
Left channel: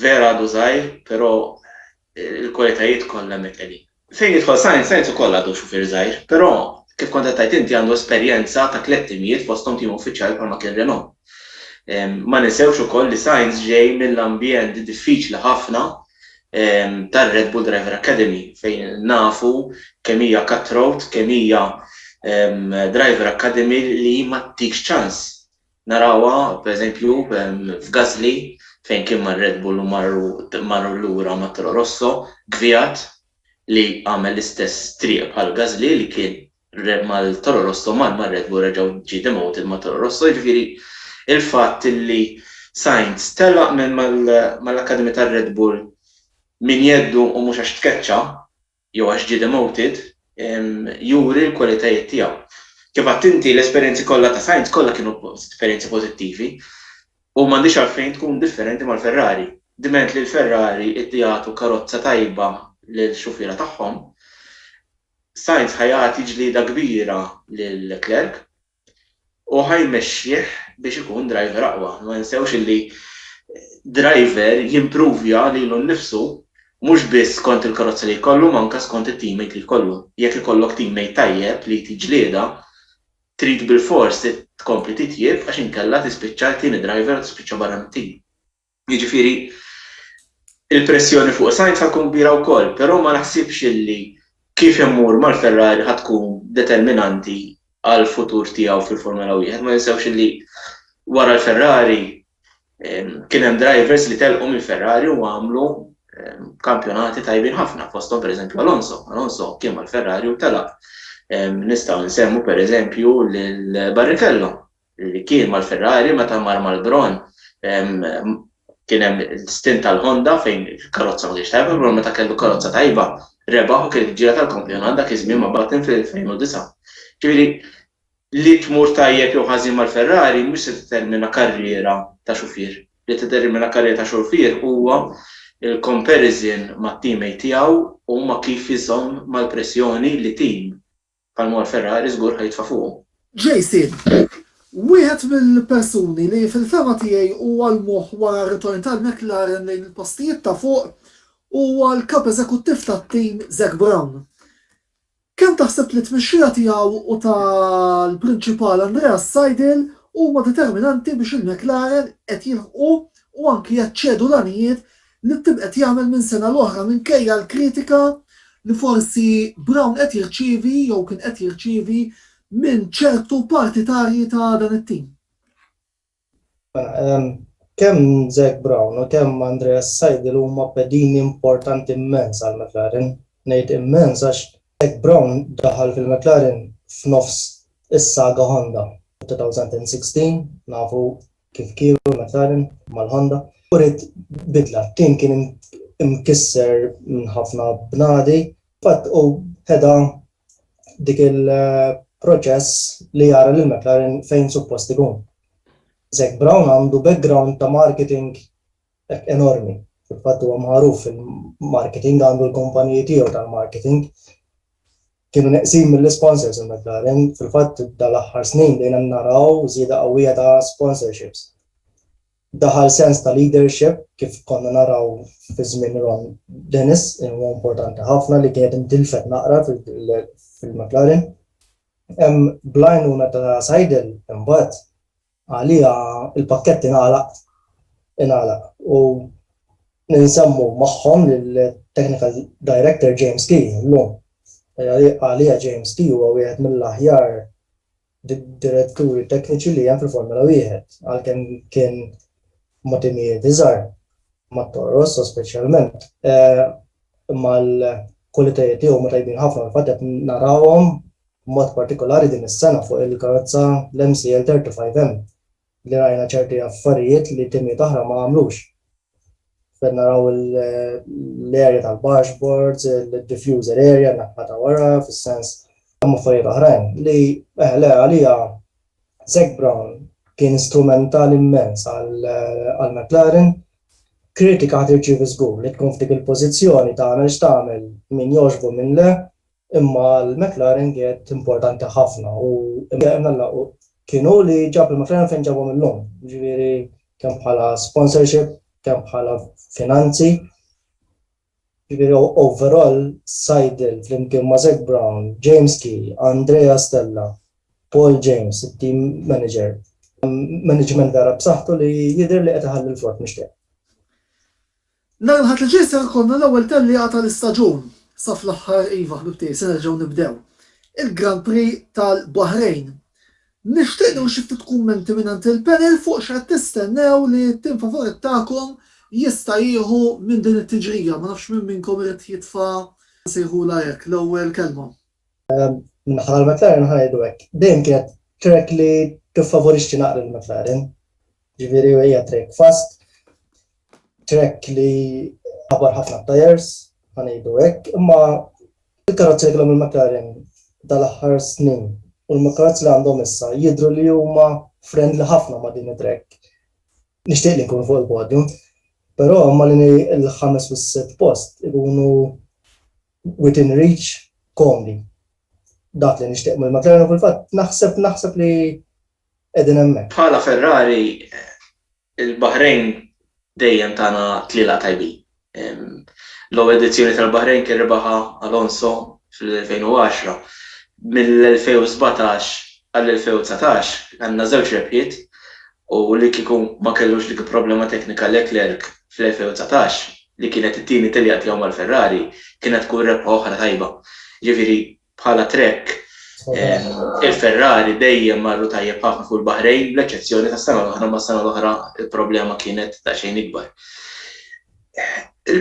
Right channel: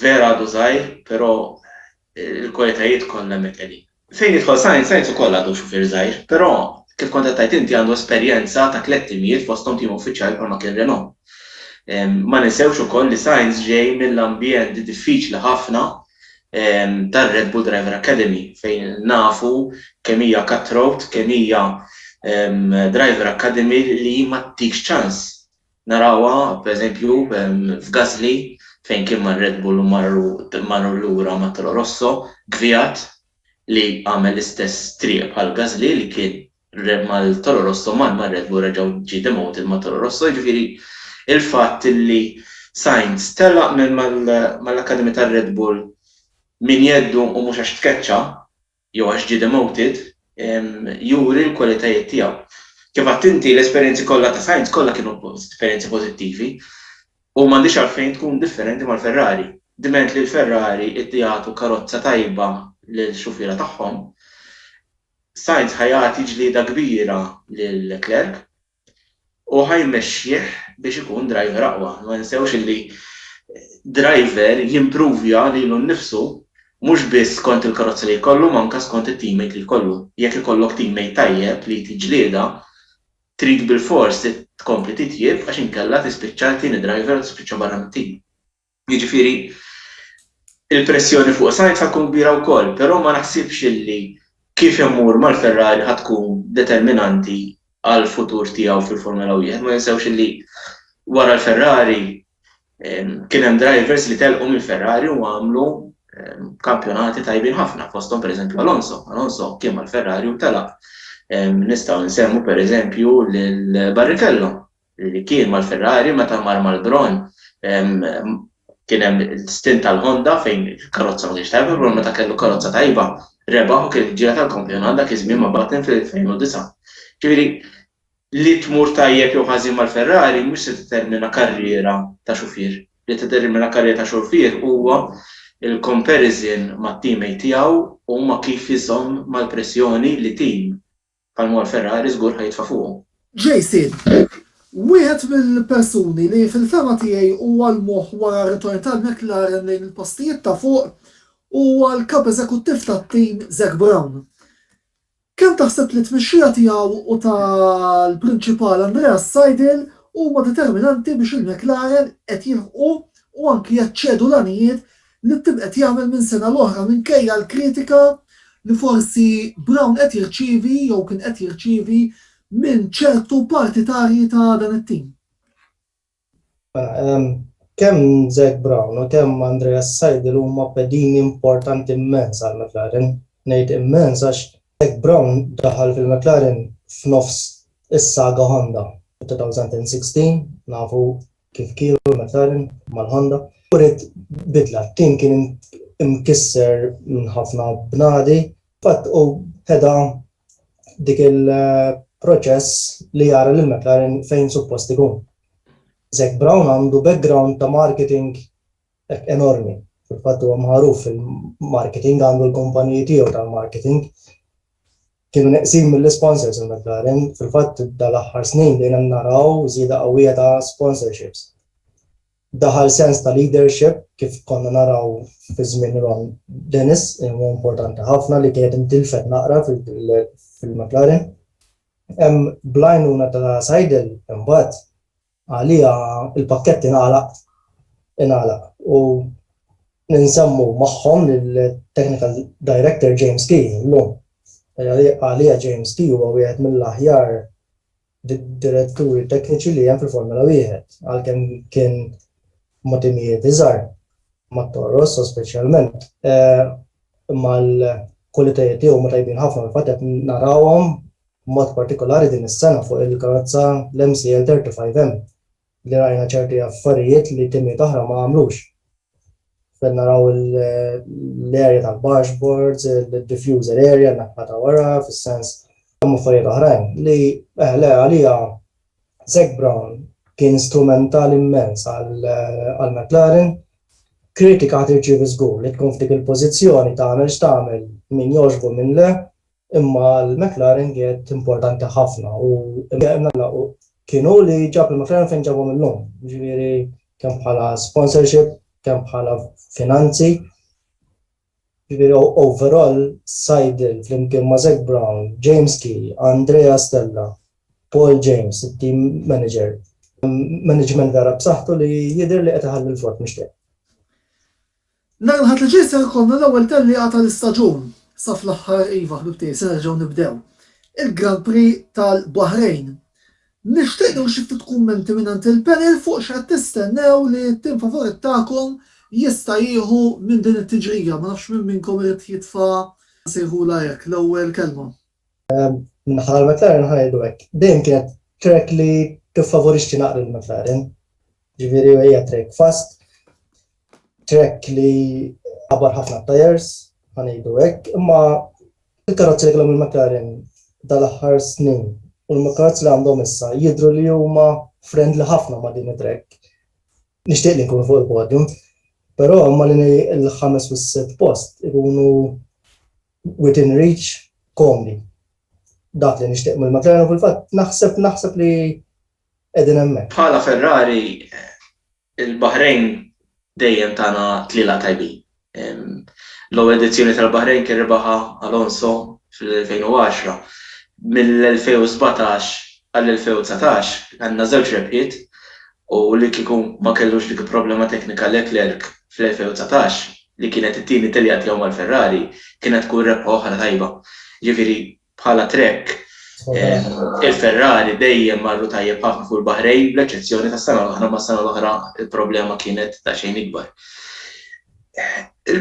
vera għadu żgħir, però il-kwalitajiet kollha hemmhekk. Fejn jidħol Sainz ukoll għadu xufier żgħir, però kif kont qed tgħid inti għandu esperjenza ta' 3 timijiet fosthom tim uffiċjali bħalma kien Renault. Ma ninsewx ukoll li Sainz ġej mill-ambjent diffiċli ħafna tar-Red Bull Driver Academy fejn nafu kemm hija cutthroat, kemm hija Driver Academy li ma tikx ċans. Narawha pereżempju f'Gasly fejn kien mar-Red Bull u marru lura ma' Toro Rosso, Kvyat li għamel l-istess triq bħal Gasly li kien mal-Toro Rosso mal-Red Bull reġgħu ġie demoted ma' Toro Rosso, jiġifieri il-fatt li Sainz telaq mal-Akademi tar-Red Bull min jeddu u mhux għax tkeċċa jew għax ġie demoted juri l-kwalitajiet tiegħu. Kif għadt inti l-esperjenzi kollha ta' Sainz kollha kienu esperjenzi pożittivi u m'għandix għalfejn tkun differenti mal-Ferrari. Diment li l-Ferrari iddijatu karozza tajba lill-xufiera tagħhom. Sainz ħajati ġlieda kbira lil Leclerc u ħajmexxih biex ikun driver aqwa. Ma ninsewx li driver jimpruvja lilu nnifsu mhux biss skont il-karozza li jkollu manka skont it-teammate li jkollu. Jekk ikollok teammate tajjeb li tiġlieda trid bil-fors tkompli titjieb għax inkella tispiċċa tieni driver tispiċċa barra mit-tim. Jiġifieri il-pressjoni fuq Sainz tkun kbira wkoll, però ma naħsibx illi kif immur mal-Ferrari ħad tkun determinanti għal futur tiegħu fil-Formula 1. Ma jinsewx illi wara l-Ferrari kien hemm drivers li telqu mill-Ferrari u għamlu kampjonati tajbin ħafna fosthom pereżempju Alonso. Alonso kien mal-Ferrari u telaq. Nistgħu nsemmu pereżempju lil Barrichello li kien mal-Ferrari meta mar mal-Bron kien hemm stint tal-Honda fejn il-karozza ma kienx tajba, però meta kellu karozza tajba rebaħ u kien ġira tal-kampjonat dak iż-żmien ma' Button fil-2009. Ġifieri li tmur tajjeb jew ħażin mal-Ferrari mhux se determina karriera ta' xufier. Li determina karriera ta' xufier huwa il-comparison mat-teammate tiegħu u ma kif iżomm mal-pressjoni li tim bħalma l-Ferrari żgur ħajtfa' fuqhom. Jason, wieħed mill-persuni li fil-fema tiegħi huwa l-moħħ wara ritorn tal-McLaren lejn il-postijiet ta' fuq huwa l-kap eżekuttiv tat-tim Zak Brown. Kemm taħseb li t-tmexxija tiegħu u tal-prinċipal Andreas Seidel huma determinanti biex il-McLaren qed jilħqu u anki jaċċedu l-għanijiet li tibqet jagħmel minn sena l-oħra minkejja l-kritika li forsi Brown qed jirċievi jew kien qed jirċievi minn ċertu partitarji ta' dan it-tim. Kemm Zak Brown u kemm Andreas Seidel huma pedini importanti immens għal McLaren. Ngħid immens għax Zak Brown daħal fil-McLaren f'nofs is-saga Honda. 2016 nafu kif kienu McLaren mal-Honda. Urid bidla, tim kien imkisser minn ħafna bnadi, fatt u ħeda dik il-proċess li jara lil McLaren fejn suppost ikun. Zak Brown għandu background ta' marketing enormi. Fil-fatt huwa magħruf fil-marketing, għandu l-kumpaniji tiegħu tal-marketing. Kienu neqsin mill-sponsors il-McLaren, fil-fatt dal-aħħar snin dejna naraw żieda qawwija ta' sponsorships. Daħal sens ta' leadership kif konna naraw fi żmien Ron Dennis, huwa importanti ħafna li kienet intilfet naqra fil-McLaren. Hemm blajnuna ta' Seidel imbagħad għalija il-pakkett ingħalaq u ninsemmu magħhom lill-Technical Director James Key llum. Għalija James Key huwa wieħed mill-aħjar diretturi tekniċi li hemm fil-Formula 1 għalkemm kien ma' timijiet iżgħar ma' Toro Rosso speċjalment imma l-kwalitajiet tiegħu ma tajbin ħafna l-fatt qed narawhom b'mod partikolari din is-sena fuq il-karozza l-MCL 35M li rajna ċerti affarijiet li timijiet oħra ma għamlux. Fed naraw l-area tal-dashboards, il-diffuser area naħbata wara fis-sens hemm affarijiet oħrajn li għalija Zak Brown kien strumental immens għal McLaren. Kritika tirċievi żgur li tkun f'dik il-pożizzjoni tagħmel x'tagħmel min jogħġbu minn le, imma l-McLaren kienet importanti ħafna u kienu li ġab il-McLaren fejn ġabhom illum. Ġifieri kemm bħala sponsorship, kemm bħala finanzi. Ġifieri overall Seidel flimkien ma' Zak Brown, James Key, Andrea Stella, Paul James, it-team manager. Management vera b'saħħtu li jidher li qed iħalli l-frott mixtieq. Nhar il-ħadd li ġej se jkollna l-ewwel tellieqa tal-istaġun sa fl-aħħar iva ħbibtiej se nerġgħu nibdew. Il-Grand Prix tal-Baħrejn. Nixtieq xi ftit kummenti mingħand il-panel fuq x'qed tistennew li t-tim favorit tagħkom jista' jieħu minn din it-tiġrija. Ma nafx minn minnkom irid jitfa' sejħula hekk l-ewwel kelma. Minħabba McLaren ħajdu hekk. Dejjem kienet track li tiffavorixxi naqra l-McLaren. Ġifieri hija track fast, track li ħabar ħafna tires, ħanejdu hekk, imma il-karozzi li kellhom il-McLaren dal-aħħar snin u l-karozzi li għandhom issa jidhru li huma friendly ħafna ma' din it-track. Nixtieq li nkunu fuq il-podium, però ma li l-5 u s-6 post ikunu within reach komdi. Dak li nixtieq mill-McLaren u fil-fatt naħseb li qegħdin hemmhekk. Bħala Ferrari il-Baħrejn dejjem tagħna tliela tajbin. L-ewwel edizzjoni tal-Baħrejn kien rebaħa Alonso fil-2010. Mill-2017 għall-2019 għandna żewġ rebħiet u li kieku ma kellux dik problema teknika Leclerc fl-2019 li kienet it-tieni tiljat jew mal-Ferrari kienet tkun rebħa oħra tajba. Ġifieri bħala trek il-Ferrari dejjem marru tajjeb ħafna fuq il-Baħrejn bl-eċezzjoni tas-sena l-oħra ma s-sena l-oħra il-problema kienet ta' xejn ikbar.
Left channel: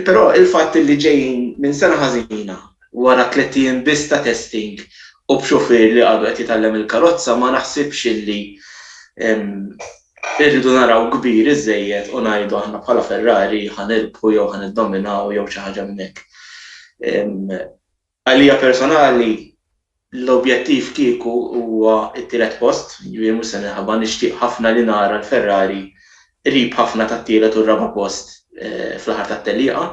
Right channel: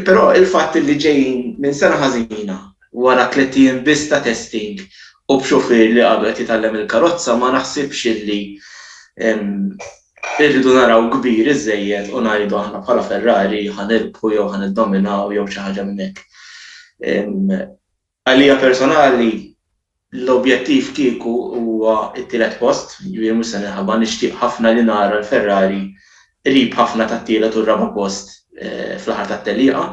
Però il-fatt li ġejjin minn sena ħażina wara 30 biss ta' testing u b'xofier li qabel jitgħallem il-karozza ma naħsibx li irridu naraw kbir iżejjed u ngħidu aħna bħala Ferrari ħanirbħu jew ħaniddominaw jew xi ħaġa minn hekk. Għalija personali l-objettiv kieku huwa t-tielet post, jiġifieri mhux se minħabba nixtieq ħafna li nara l-Ferrari qrib ħafna tat-tielet u r-raba' post fl-aħħar tat-tellieqa.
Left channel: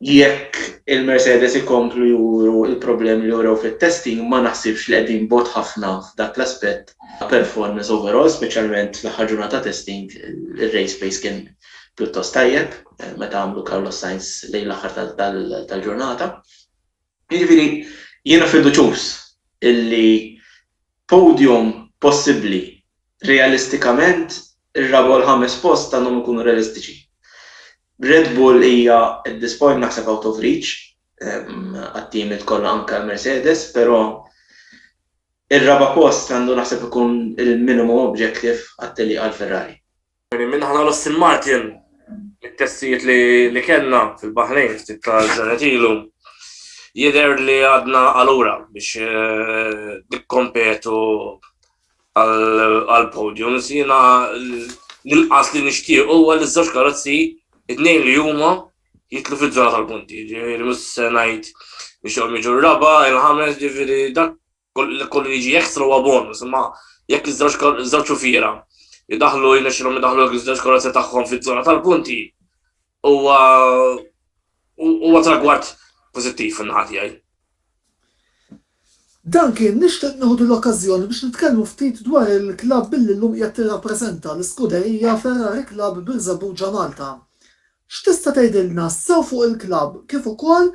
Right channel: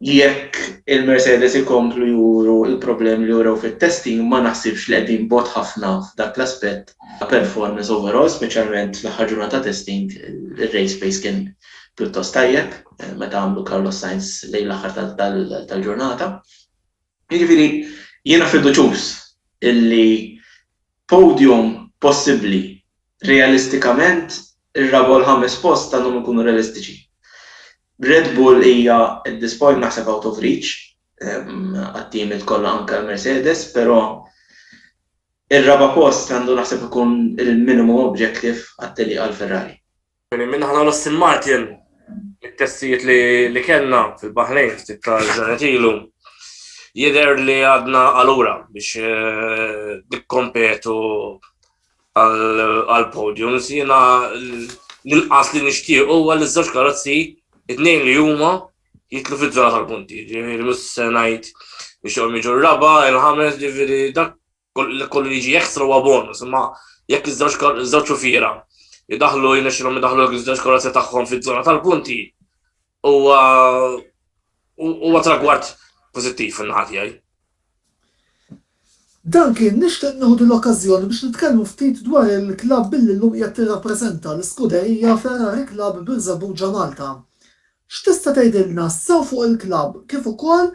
Jekk il-Mercedes ikomplu juru il-problemi li juru fit-testing ma naħsibx li qegħdin bot ħafna f'dak l-aspett ta' performance overall, speċjalment fl-aħħar ġurnata testing, il-race pace kien pjuttost tajjeb meta għamlu Carlos Sainz lejn l-aħħar tal-ġurnata. Jiġifieri jiena fiduċjuż illi podium possibbli realistikament ir-raba' u l-ħames post għandhom ikunu realistiċi. Red Bull hija at this point naħseb out of reach għat-teamiet kollha anke Mercedes, però ir-raba' post għandu naħseb ikun il-minimum objective għat-tellieqa għall-Ferrari. Minn aħna l-Aston Martin, it-testijiet li kellna fil-Baħrejn ftit tal-ġranet ilu, jidher li għadna għalura biex nikkompetu għal-podiums. Jiena l-inqas li nixtieq huwa li ż-żewġ karozzi it-tnejn li huma jitlu fiż-żona tal-punti. Ġifieri mhux se ngħid biex joqgħu jiġu r-raba' il-ħames, ġifieri dak kollu jiġi ekstra huwa bonus, imma jekk iż-żewġ xufiera jidaħlu jinexxilhom idaħlu iż-żewġ karozzi tagħhom fiż-żona tal-punti huwa tragward pożittiv in-naħa tiegħi. Dan kien nixtieq nieħdu l-okkażjoni biex nitkellmu ftit dwar il-klabb billi llum qiegħed tirrappreżenta l-iskuderija Ferrari Club Birżebbuġa Malta. X'tista' tgħidilna sew fuq il-klabb kif ukoll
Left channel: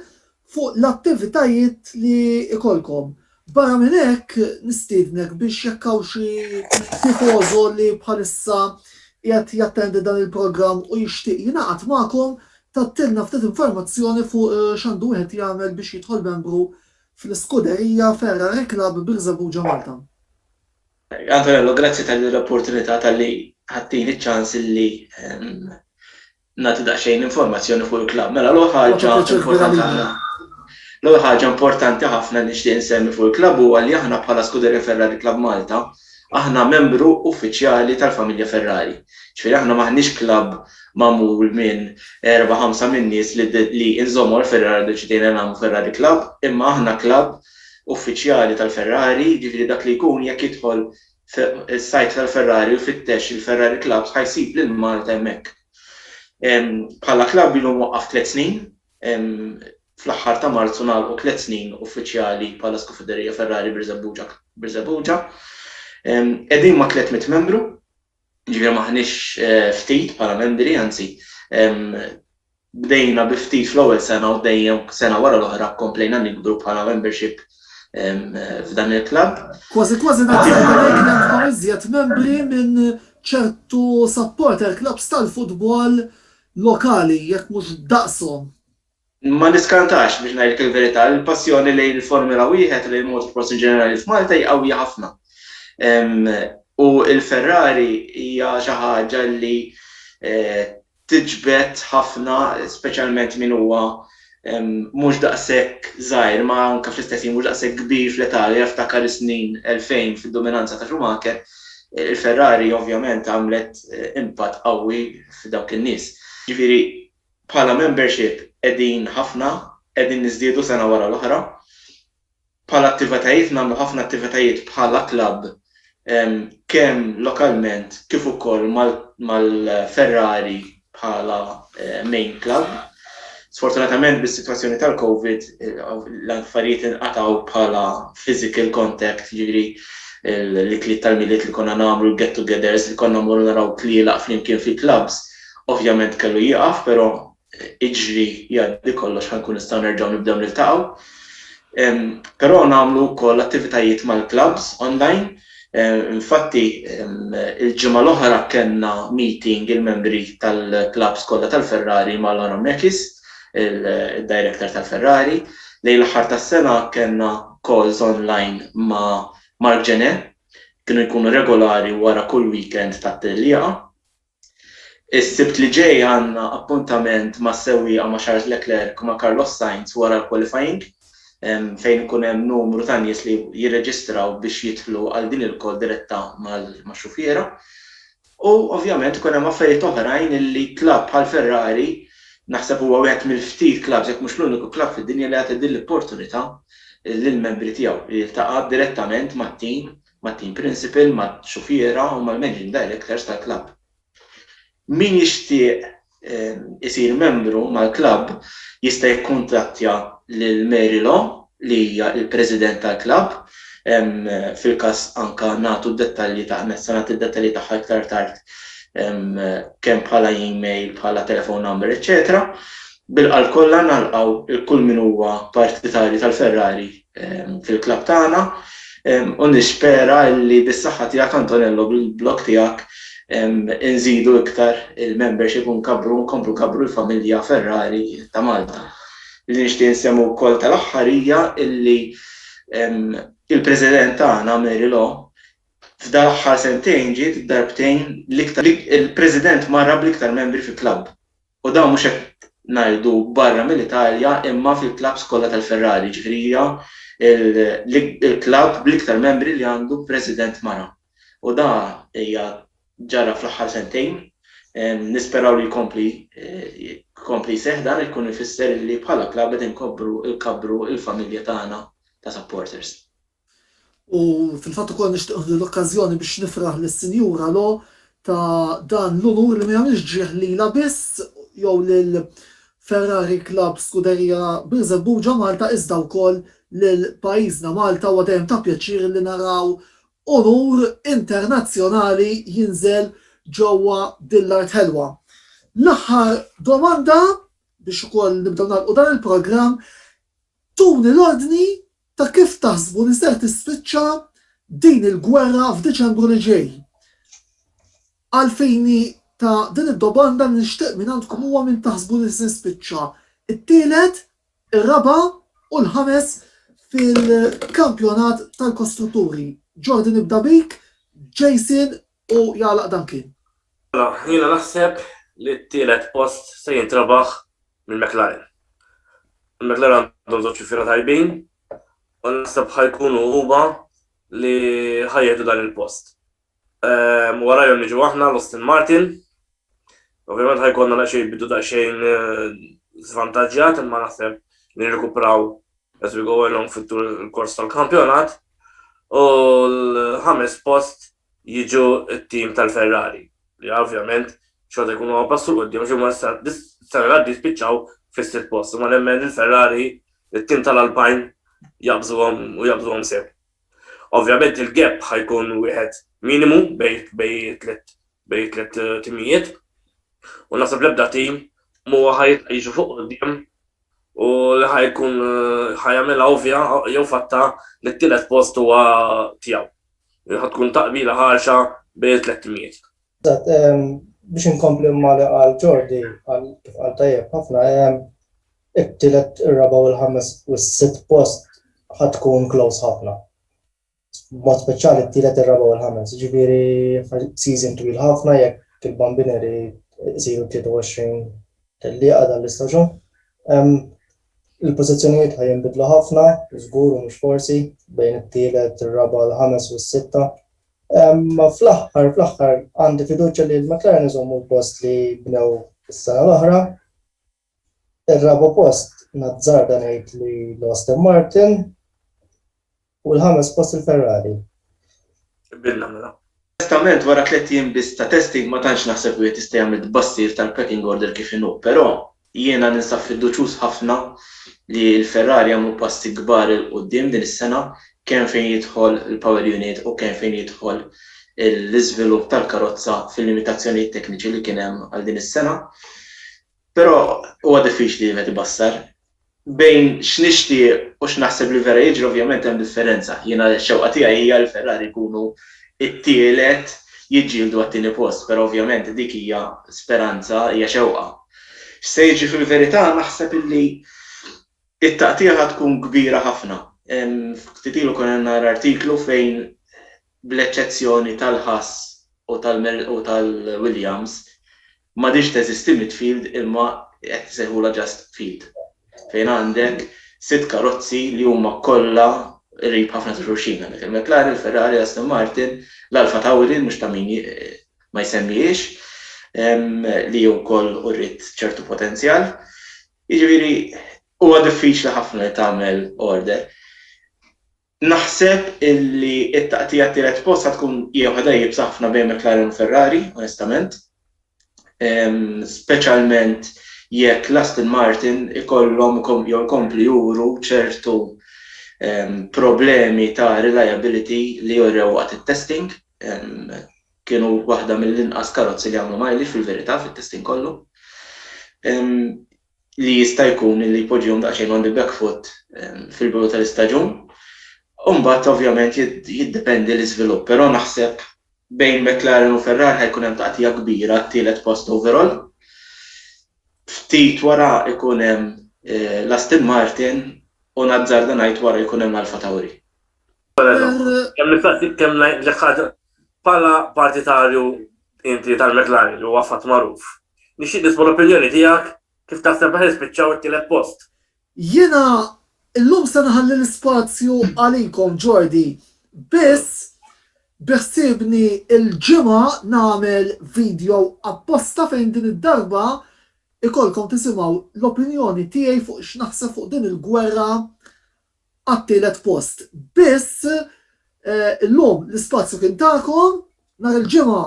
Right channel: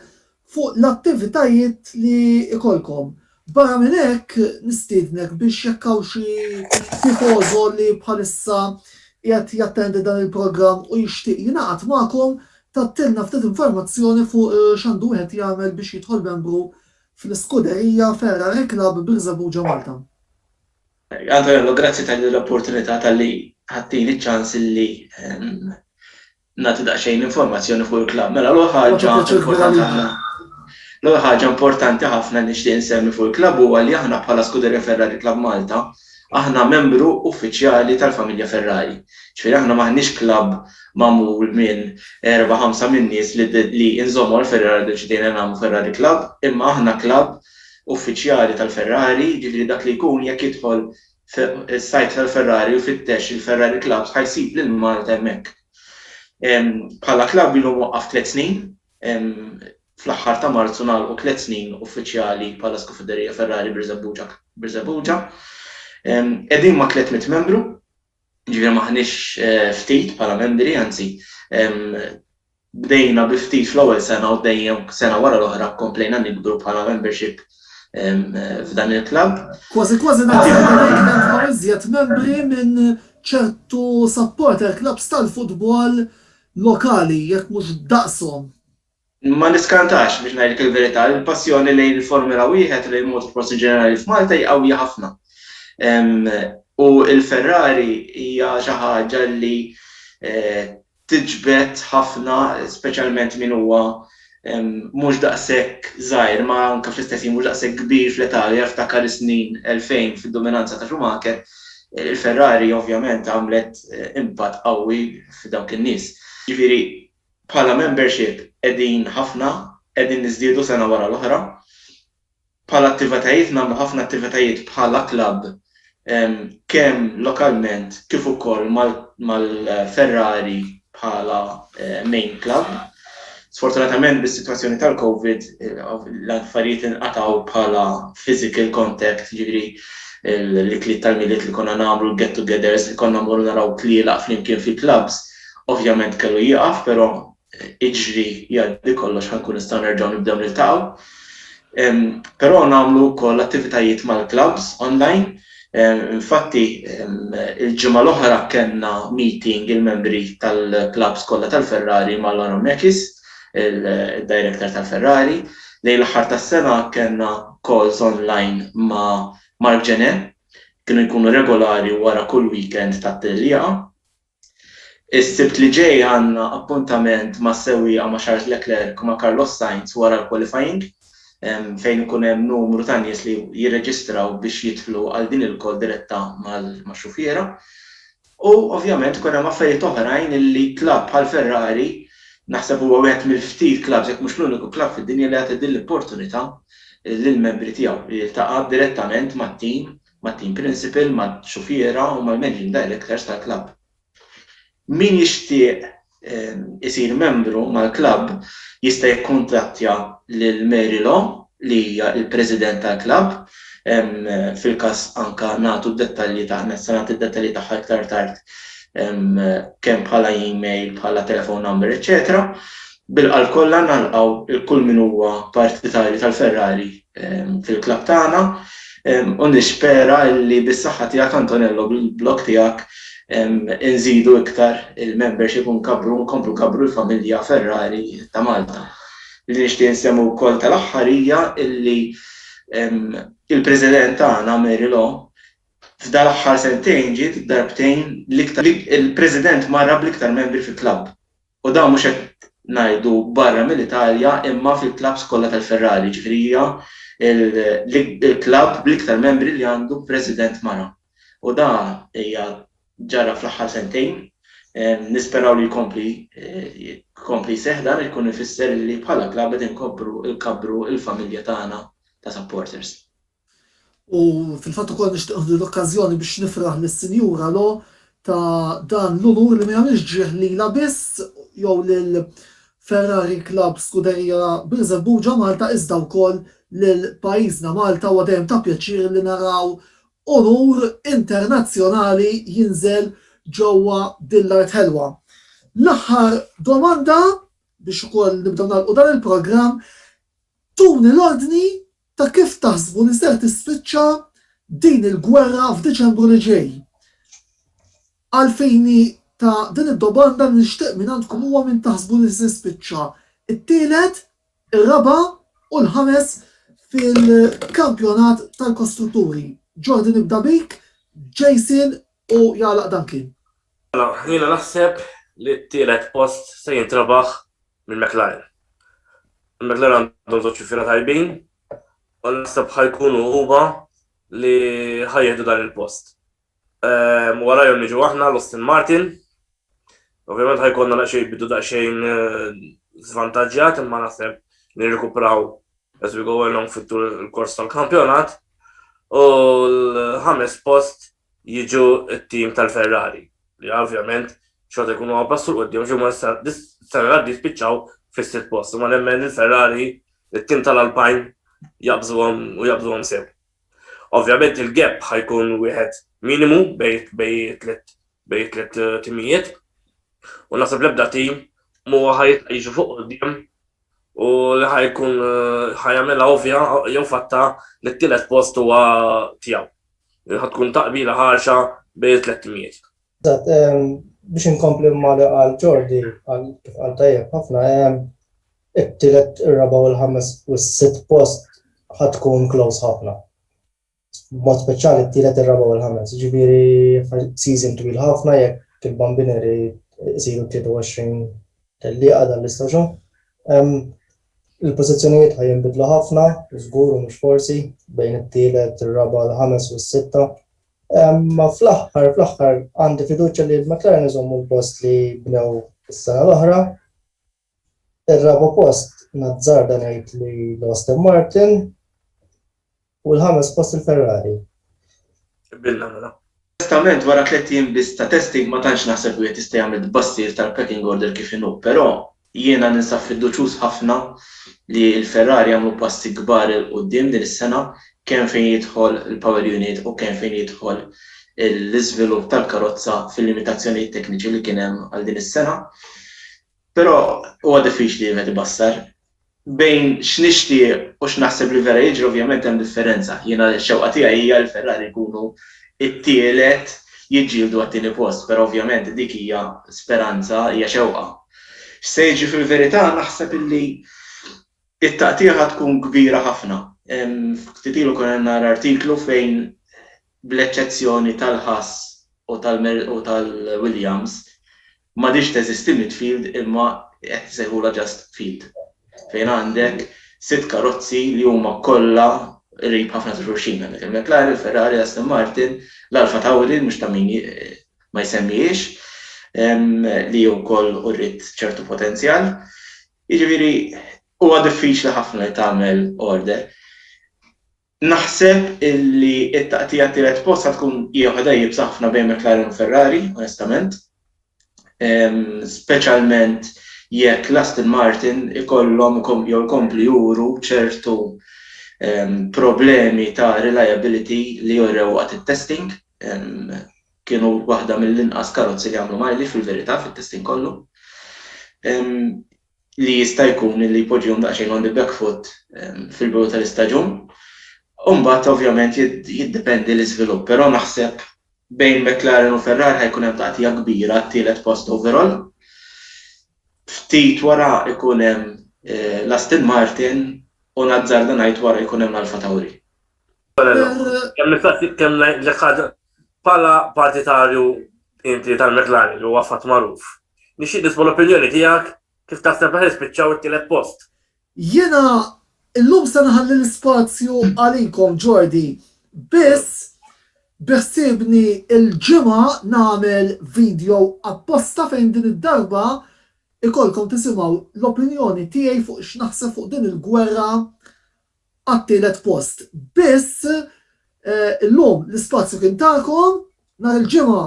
fuq l-attivitajiet li ikolkom. Barra minn hekk nistiednek biex jekk hawn xi tifożo li bħalissa qiegħed jattendi dan il-programm u jixtieq jingħaqad magħkom tattilna ftit informazzjoni fuq x'għandu wieħed jagħmel biex jidħol membru fl-iskuderija Ferrari Club Birżebbuġa Malta. Antonello, grazzi tal-opportunità tal-li ħattini ċans li nagħti daqsxejn informazzjoni fuq il-klabb. Mela l-ewwel ħaġa importanti ħafna nixtieq insemmi fuq il-klabb huwa li aħna bħala skuderija Ferrari Club Malta aħna membru uffiċjali tal-familja Ferrari. Ġifieri aħna maħniex klabb magħmul minn 4-5 min nies li inżommu l-Ferrari deċidejna nagħmlu Ferrari Club, imma aħna klabb uffiċjali tal-Ferrari, ġifieri dak li jkun jekk jidħol is-sajt tal-Ferrari u fittex il-Ferrari Club ħajsib lil Malta hemmhekk. Bħala klabb ilu waqqaf 3 snin, fl-aħħar ta' Marzu nagħlqu 3 snin uffiċjali bħala skuderija Ferrari Birżebbuġa. Qegħdin ma' 300 membru, ġifieri maħniex ftit bħala membri, anzi bdejna bi ftit fl-ewwel sena u dejjem sena wara l-oħra komplejna nikbru bħala membership f'dan il-klabb. Kważi naħseb iżjed membri minn ċertu supporter clubs tal-futbol lokali jekk mhux daqshom. Ma niskantax biex ngħidlek il-verità, il-passjoni lejn il-Formula 1 lejn motorsport ġenerali f'Malta hija qawwija ħafna. U l-Ferrari hija xi ħaġa li tiġbed ħafna, speċjalment min huwa mhux daqshekk żgħir, ma anke fl-istess mhux daqshekk kbir fl-Italja ftakar is-snin 2000 fid-dominanza ta' Schumacher. Il-Ferrari ovvjament għamlet impatt qawwi f'dawk in-nies. Ġifieri bħala membership qegħdin ħafna, qegħdin niżdiedu sena wara l-oħra. Bħala attivitajiet nagħmlu ħafna attivitajiet bħala klabb kemm lokalment kif ukoll mal-Ferrari bħala main club. Sfortunatament bis-sitwazzjoni tal-COVID l-affarijiet inqatgħu bħala physical contact, ġifieri l-ikliet tal-miliet li konna nagħmlu get-togethers li konna mmorru naraw tlielaq flimkien fil-clubs, ovvjament kellu jieqaf, però iġri jgħaddi kollox ħankun nistgħu nerġgħu nibdew niltaqgħu. Però nagħmlu wkoll attivitajiet mal-clubs online Infatti, il-ġimgħa l-oħra kellna meeting il-membri tal-klabs kollha tal-Ferrari ma' Laura Mekis, il-director tal-Ferrari. Lejn l-aħħar tas-sena kellna calls online ma' Mark Genet, kienu jkunu regolari wara kull weekend tat-tellieqa. Is-sibt li ġej għandna appuntament ma' sewwieqa ma' Charles Leclerc u ma' Carlos Sainz wara l-qualifying, fejn ikun hemm numru ta' nies li jirreġistraw biex jidħlu għal din il-kol diretta mal-xufiera. U ovvjament ikun hemm affarijiet oħrajn illi klabb bħal Ferrari naħseb huwa wieħed mill-ftit klabb jekk mhux l-uniku klabb fid-dinja li għati din l-opportunità lill-membri tiegħu li jiltaqa' direttament mat-team principal, mat-xufiera u mal-managing directors tal-klabb. Min jixtieq isir membru mal-klabb jista' jikkuntattja lil Mary Law li hija l-President tal-klabb. Fil-każ anke nagħtu d-dettalji id-dettalji tagħha iktar tard kemm bħala email, bħala telephone number, etc. Bil-qal kollha nalqgħu kull min huwa partitarju tal-Ferrari fil-klabb tagħna u nispera li bis-saħħa tiegħek Antonello bil-blog tiegħek inżidu iktar il-membership u nkomplu nkabru l-familja Ferrari ta' Malta. Li nixtieq insemmu wkoll tal-aħħar hija illi il-President tagħna Mary Law f'dan l-aħħar sentejn ġiet darbtejn il-President marra bl-iktar membri fil-klabb. U dawn mhux qed ngħidu barra mill-Italja imma fil-klabbs kollha tal-Ferrari, ġifieri hija il-klabb bl-iktar membri li għandu President mara. U da hija ġara fl-aħħar sentejn, nisperaw li jkompli seħdar ikun ifisser li bħala klabb qed inkabru il-familja tagħna ta' supporters. U fil-fatt ukoll nixtieq l-okkażjoni biex nifraħ lis-Sinjura Law ta' dan l-unur li ma jagħmilx ġieħ lilha biss jew lil Ferrari Club Scuderia Birżebbuġa Malta iżda wkoll lil pajjiżna Malta u dejjem ta' pjaċir li naraw onur internazzjonali jinżel ġewwa din l-art ħelwa. L-aħħar domanda biex ukoll nibdew nagħlqu dan il-programm tuni l-ordni ta' kif taħsbu li ser tispiċċa din il-gwerra f'Diċembru li ġej. Għalfejni ta' din id-domanda li nixtieq minn għandkom huwa min taħsbu li se tispiċċa it-tielet, ir-raba' u l-ħames fil-kampjonat tal-kostrutturi. Jordan nibda bik, Jason u Jalaq Duncan. Jiena naħseb li t-tielet post se jintrabaħ minn McLaren. McLaren għandhom żewġ xufiera tajbin u naħseb ħajkunu huma li ħajjeħdu dan il-post. Warajhom niġu aħna l-Aston Martin. Ovvjament ħajkonna bidu daqsxejn żvantaġġjat imma naħseb li nirrikupraw as we go along fit-kors tal-kampjonat. U l-ħames post jiġu t-tim tal-Ferrari li ovvjament xorta jkunu għabassu l-qoddim xumma s-sena għaddi spiċċaw fis-sitt post. Ma nemmen il-Ferrari it-tim tal-Alpine jabżuhom sew. Ovvjament il-gap ħajkun wieħed minimu bej tliet timijiet u naħseb l-ebda tim huwa ħajġu fuq qudiem u li ħajkun ħajamela ovvja jew fatta li t-tielet post huwa tiegħu. Ħatkun taqbila ħarxa bejn tliet timijiet. Biex inkompli ma li qal Jordi għal tajjeb ħafna, it-tielet, ir-raba' u l-ħames u s-sitt post ħatkun close ħafna. B'mod speċjali t-tielet, ir-raba' u l-ħames. Ġifieri season twil ħafna jekk il-bambineri isiru 23 tellieqa dan l-istaġun. Il-pożizzjonijiet ħajinbidlu ħafna, żgur u mhux forsi bejn it-tielet, ir-raba' l-ħames u s-sitta. Ma fl-aħħar għandi fiduċja li l-McLaren iżommu l-post li bnew is-sena l-oħra. Ir-raba' post nazzarda ngħid li l-Aston Martin u l-ħames post il-Ferrari. Bilna mela. Onestament wara 3 jiem biss ta' testing ma tantx naħseb wieħed jista' jagħmel tbassir tal-packing order kif inhu, però jiena ninsab fiduċjuż ħafna li l-Ferrari għamlu passi kbar il qudiem din is-sena kemm fejn jidħol il-power unit u kemm fejn jidħol l-iżvilupp tal-karozza fil-limitazzjonijiet tekniċi li kien hemm għal din is-sena. Però huwa diffiċli wieħed ibassar. Bejn x'nixtieq u x'naħseb li vera jiġri ovvjament hemm differenza. Jiena x-xewqa tiegħi hija l-Ferrari jkunu it-tielet jiġġieldu għat-tieni post, però ovvjament dik hija speranza, hija xewqa. Se jiġi fil-verità naħseb illi it-taqtija tkun kbira ħafna. Ftit ilu kien hemm artiklu fejn bl-eċċezzjoni tal-Haas u tal-Williams m'għadix teżisti midfield imma qed isejħula just field. Fejn għandek 6 karozzi li huma kollha qrib ħafna ta' xulxin. Għandek il-McLaren, il-Ferrari, l-Aston Martin, l-Alfa Tauri mhux ta' min ma jsemmijiex li wkoll urrid ċertu potenzjal. Jiġifieri huwa diffiċli ħafna li tagħmel order. Naħseb illi it-taqtija tielet post tkun hija waħda jibsa ħafna bejn McLaren u Ferrari, onestament. Speċjalment jekk l-Aston Martin ikollhom jkompli juru ċertu problemi ta' reliability li jorew waqt it-testing. Kienu waħda mill-inqas karozzi li għamlu mileage fil-verità fit-testing kollu. Li jista' jkun li jpoġġihom daqsxejn on the back foot fil-bidu tal-istaġun. Mbagħad ovvjament jiddependi l-iżvilupp, però naħseb bejn McLaren u Ferrari ħajkun hemm taqtija kbira t-tielet post overall. Ftit wara ikun hemm l-Aston Martin u nazzarda ngħid wara jkun hemm Alfa Tauri. Kemm l-ħaġa bħala partitarju inti tal-McLaren li huwa fatt magħruf. Nixtieq nisma' l-opinjoni tiegħek kif taħseb ħispiċċaw it-tielet post. Jiena illum se naħalli l-ispazju għalikom Jordi, biss beħsibni il-ġimgħa nagħmel video apposta fejn din id-darba ikolkom tisimgħu l-opinjoni tiegħi fuq x'naħseb fuq din il-gwerra għat-tielet post. Biss illum l-ispazju kien tagħkom, nhar il-ġimgħa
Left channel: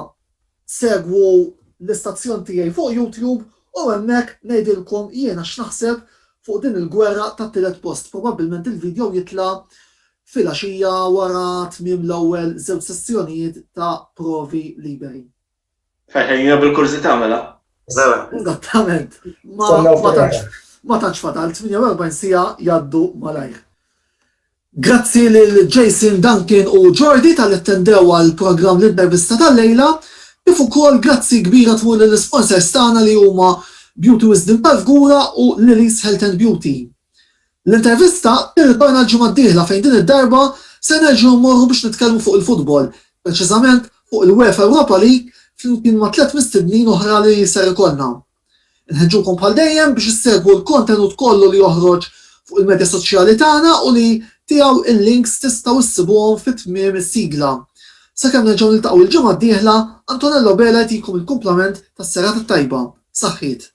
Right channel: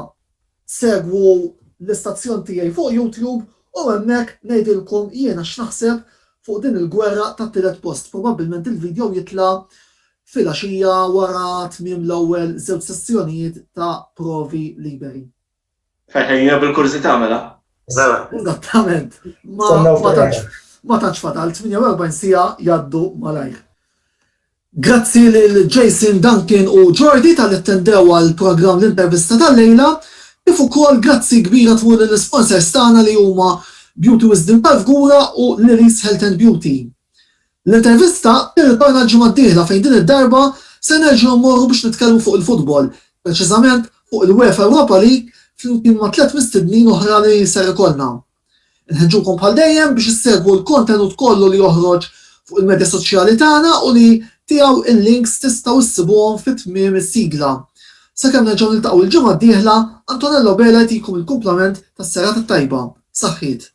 segwu l-istazzjon tiegħi fuq YouTube u hemmhekk ngħidilkom jiena x'naħseb fuq din il-gwerra tat-tielet post. Probabbilment il-video jitla' fil-għaxija wara tmiem l-ewwel żewġ sessjonijiet ta' provi liberi. Fejn bil-kurzità mela. Esattament. Ma tantx fatal, 48 sija jgħaddu malajr. Grazzi lil Jason, Duncan u Jordi tal-attendew għall-programm l-intervista tal-lejla, kif ukoll grazzi kbira tmur lill-sponsors tagħna li huma Beauty Wisdom tal-Fgura u Lily's Health and Beauty. L-intervista tirritorna l-ġimgħa d-dieħla fejn din id-darba se nerġgħu mmorru biex nitkellmu fuq il-futbol, preċiżament fuq il-UEFA Europa League flimkien ma' 3 mistednin oħra li ser ikollna. Nħeġġukom bħal dejjem biex issegwu l-kontenut kollu li joħroġ fuq il-medja soċjali tagħna u li tiegħu il-links tistgħu issibuhom fit-tmiem is-sigla. Sakemm nerġgħu niltaqgħu l-ġimgħa d-dieħla, Antonello Bela jtikum il-kumplament tas-serata tajba. Saħħit.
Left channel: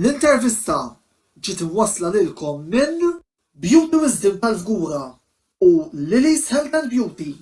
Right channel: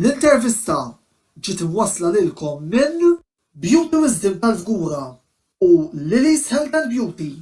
L-intervista ġiet imwassla lilkom minn Beauty Wisdom tal-Fgura u Lily's Health and Beauty.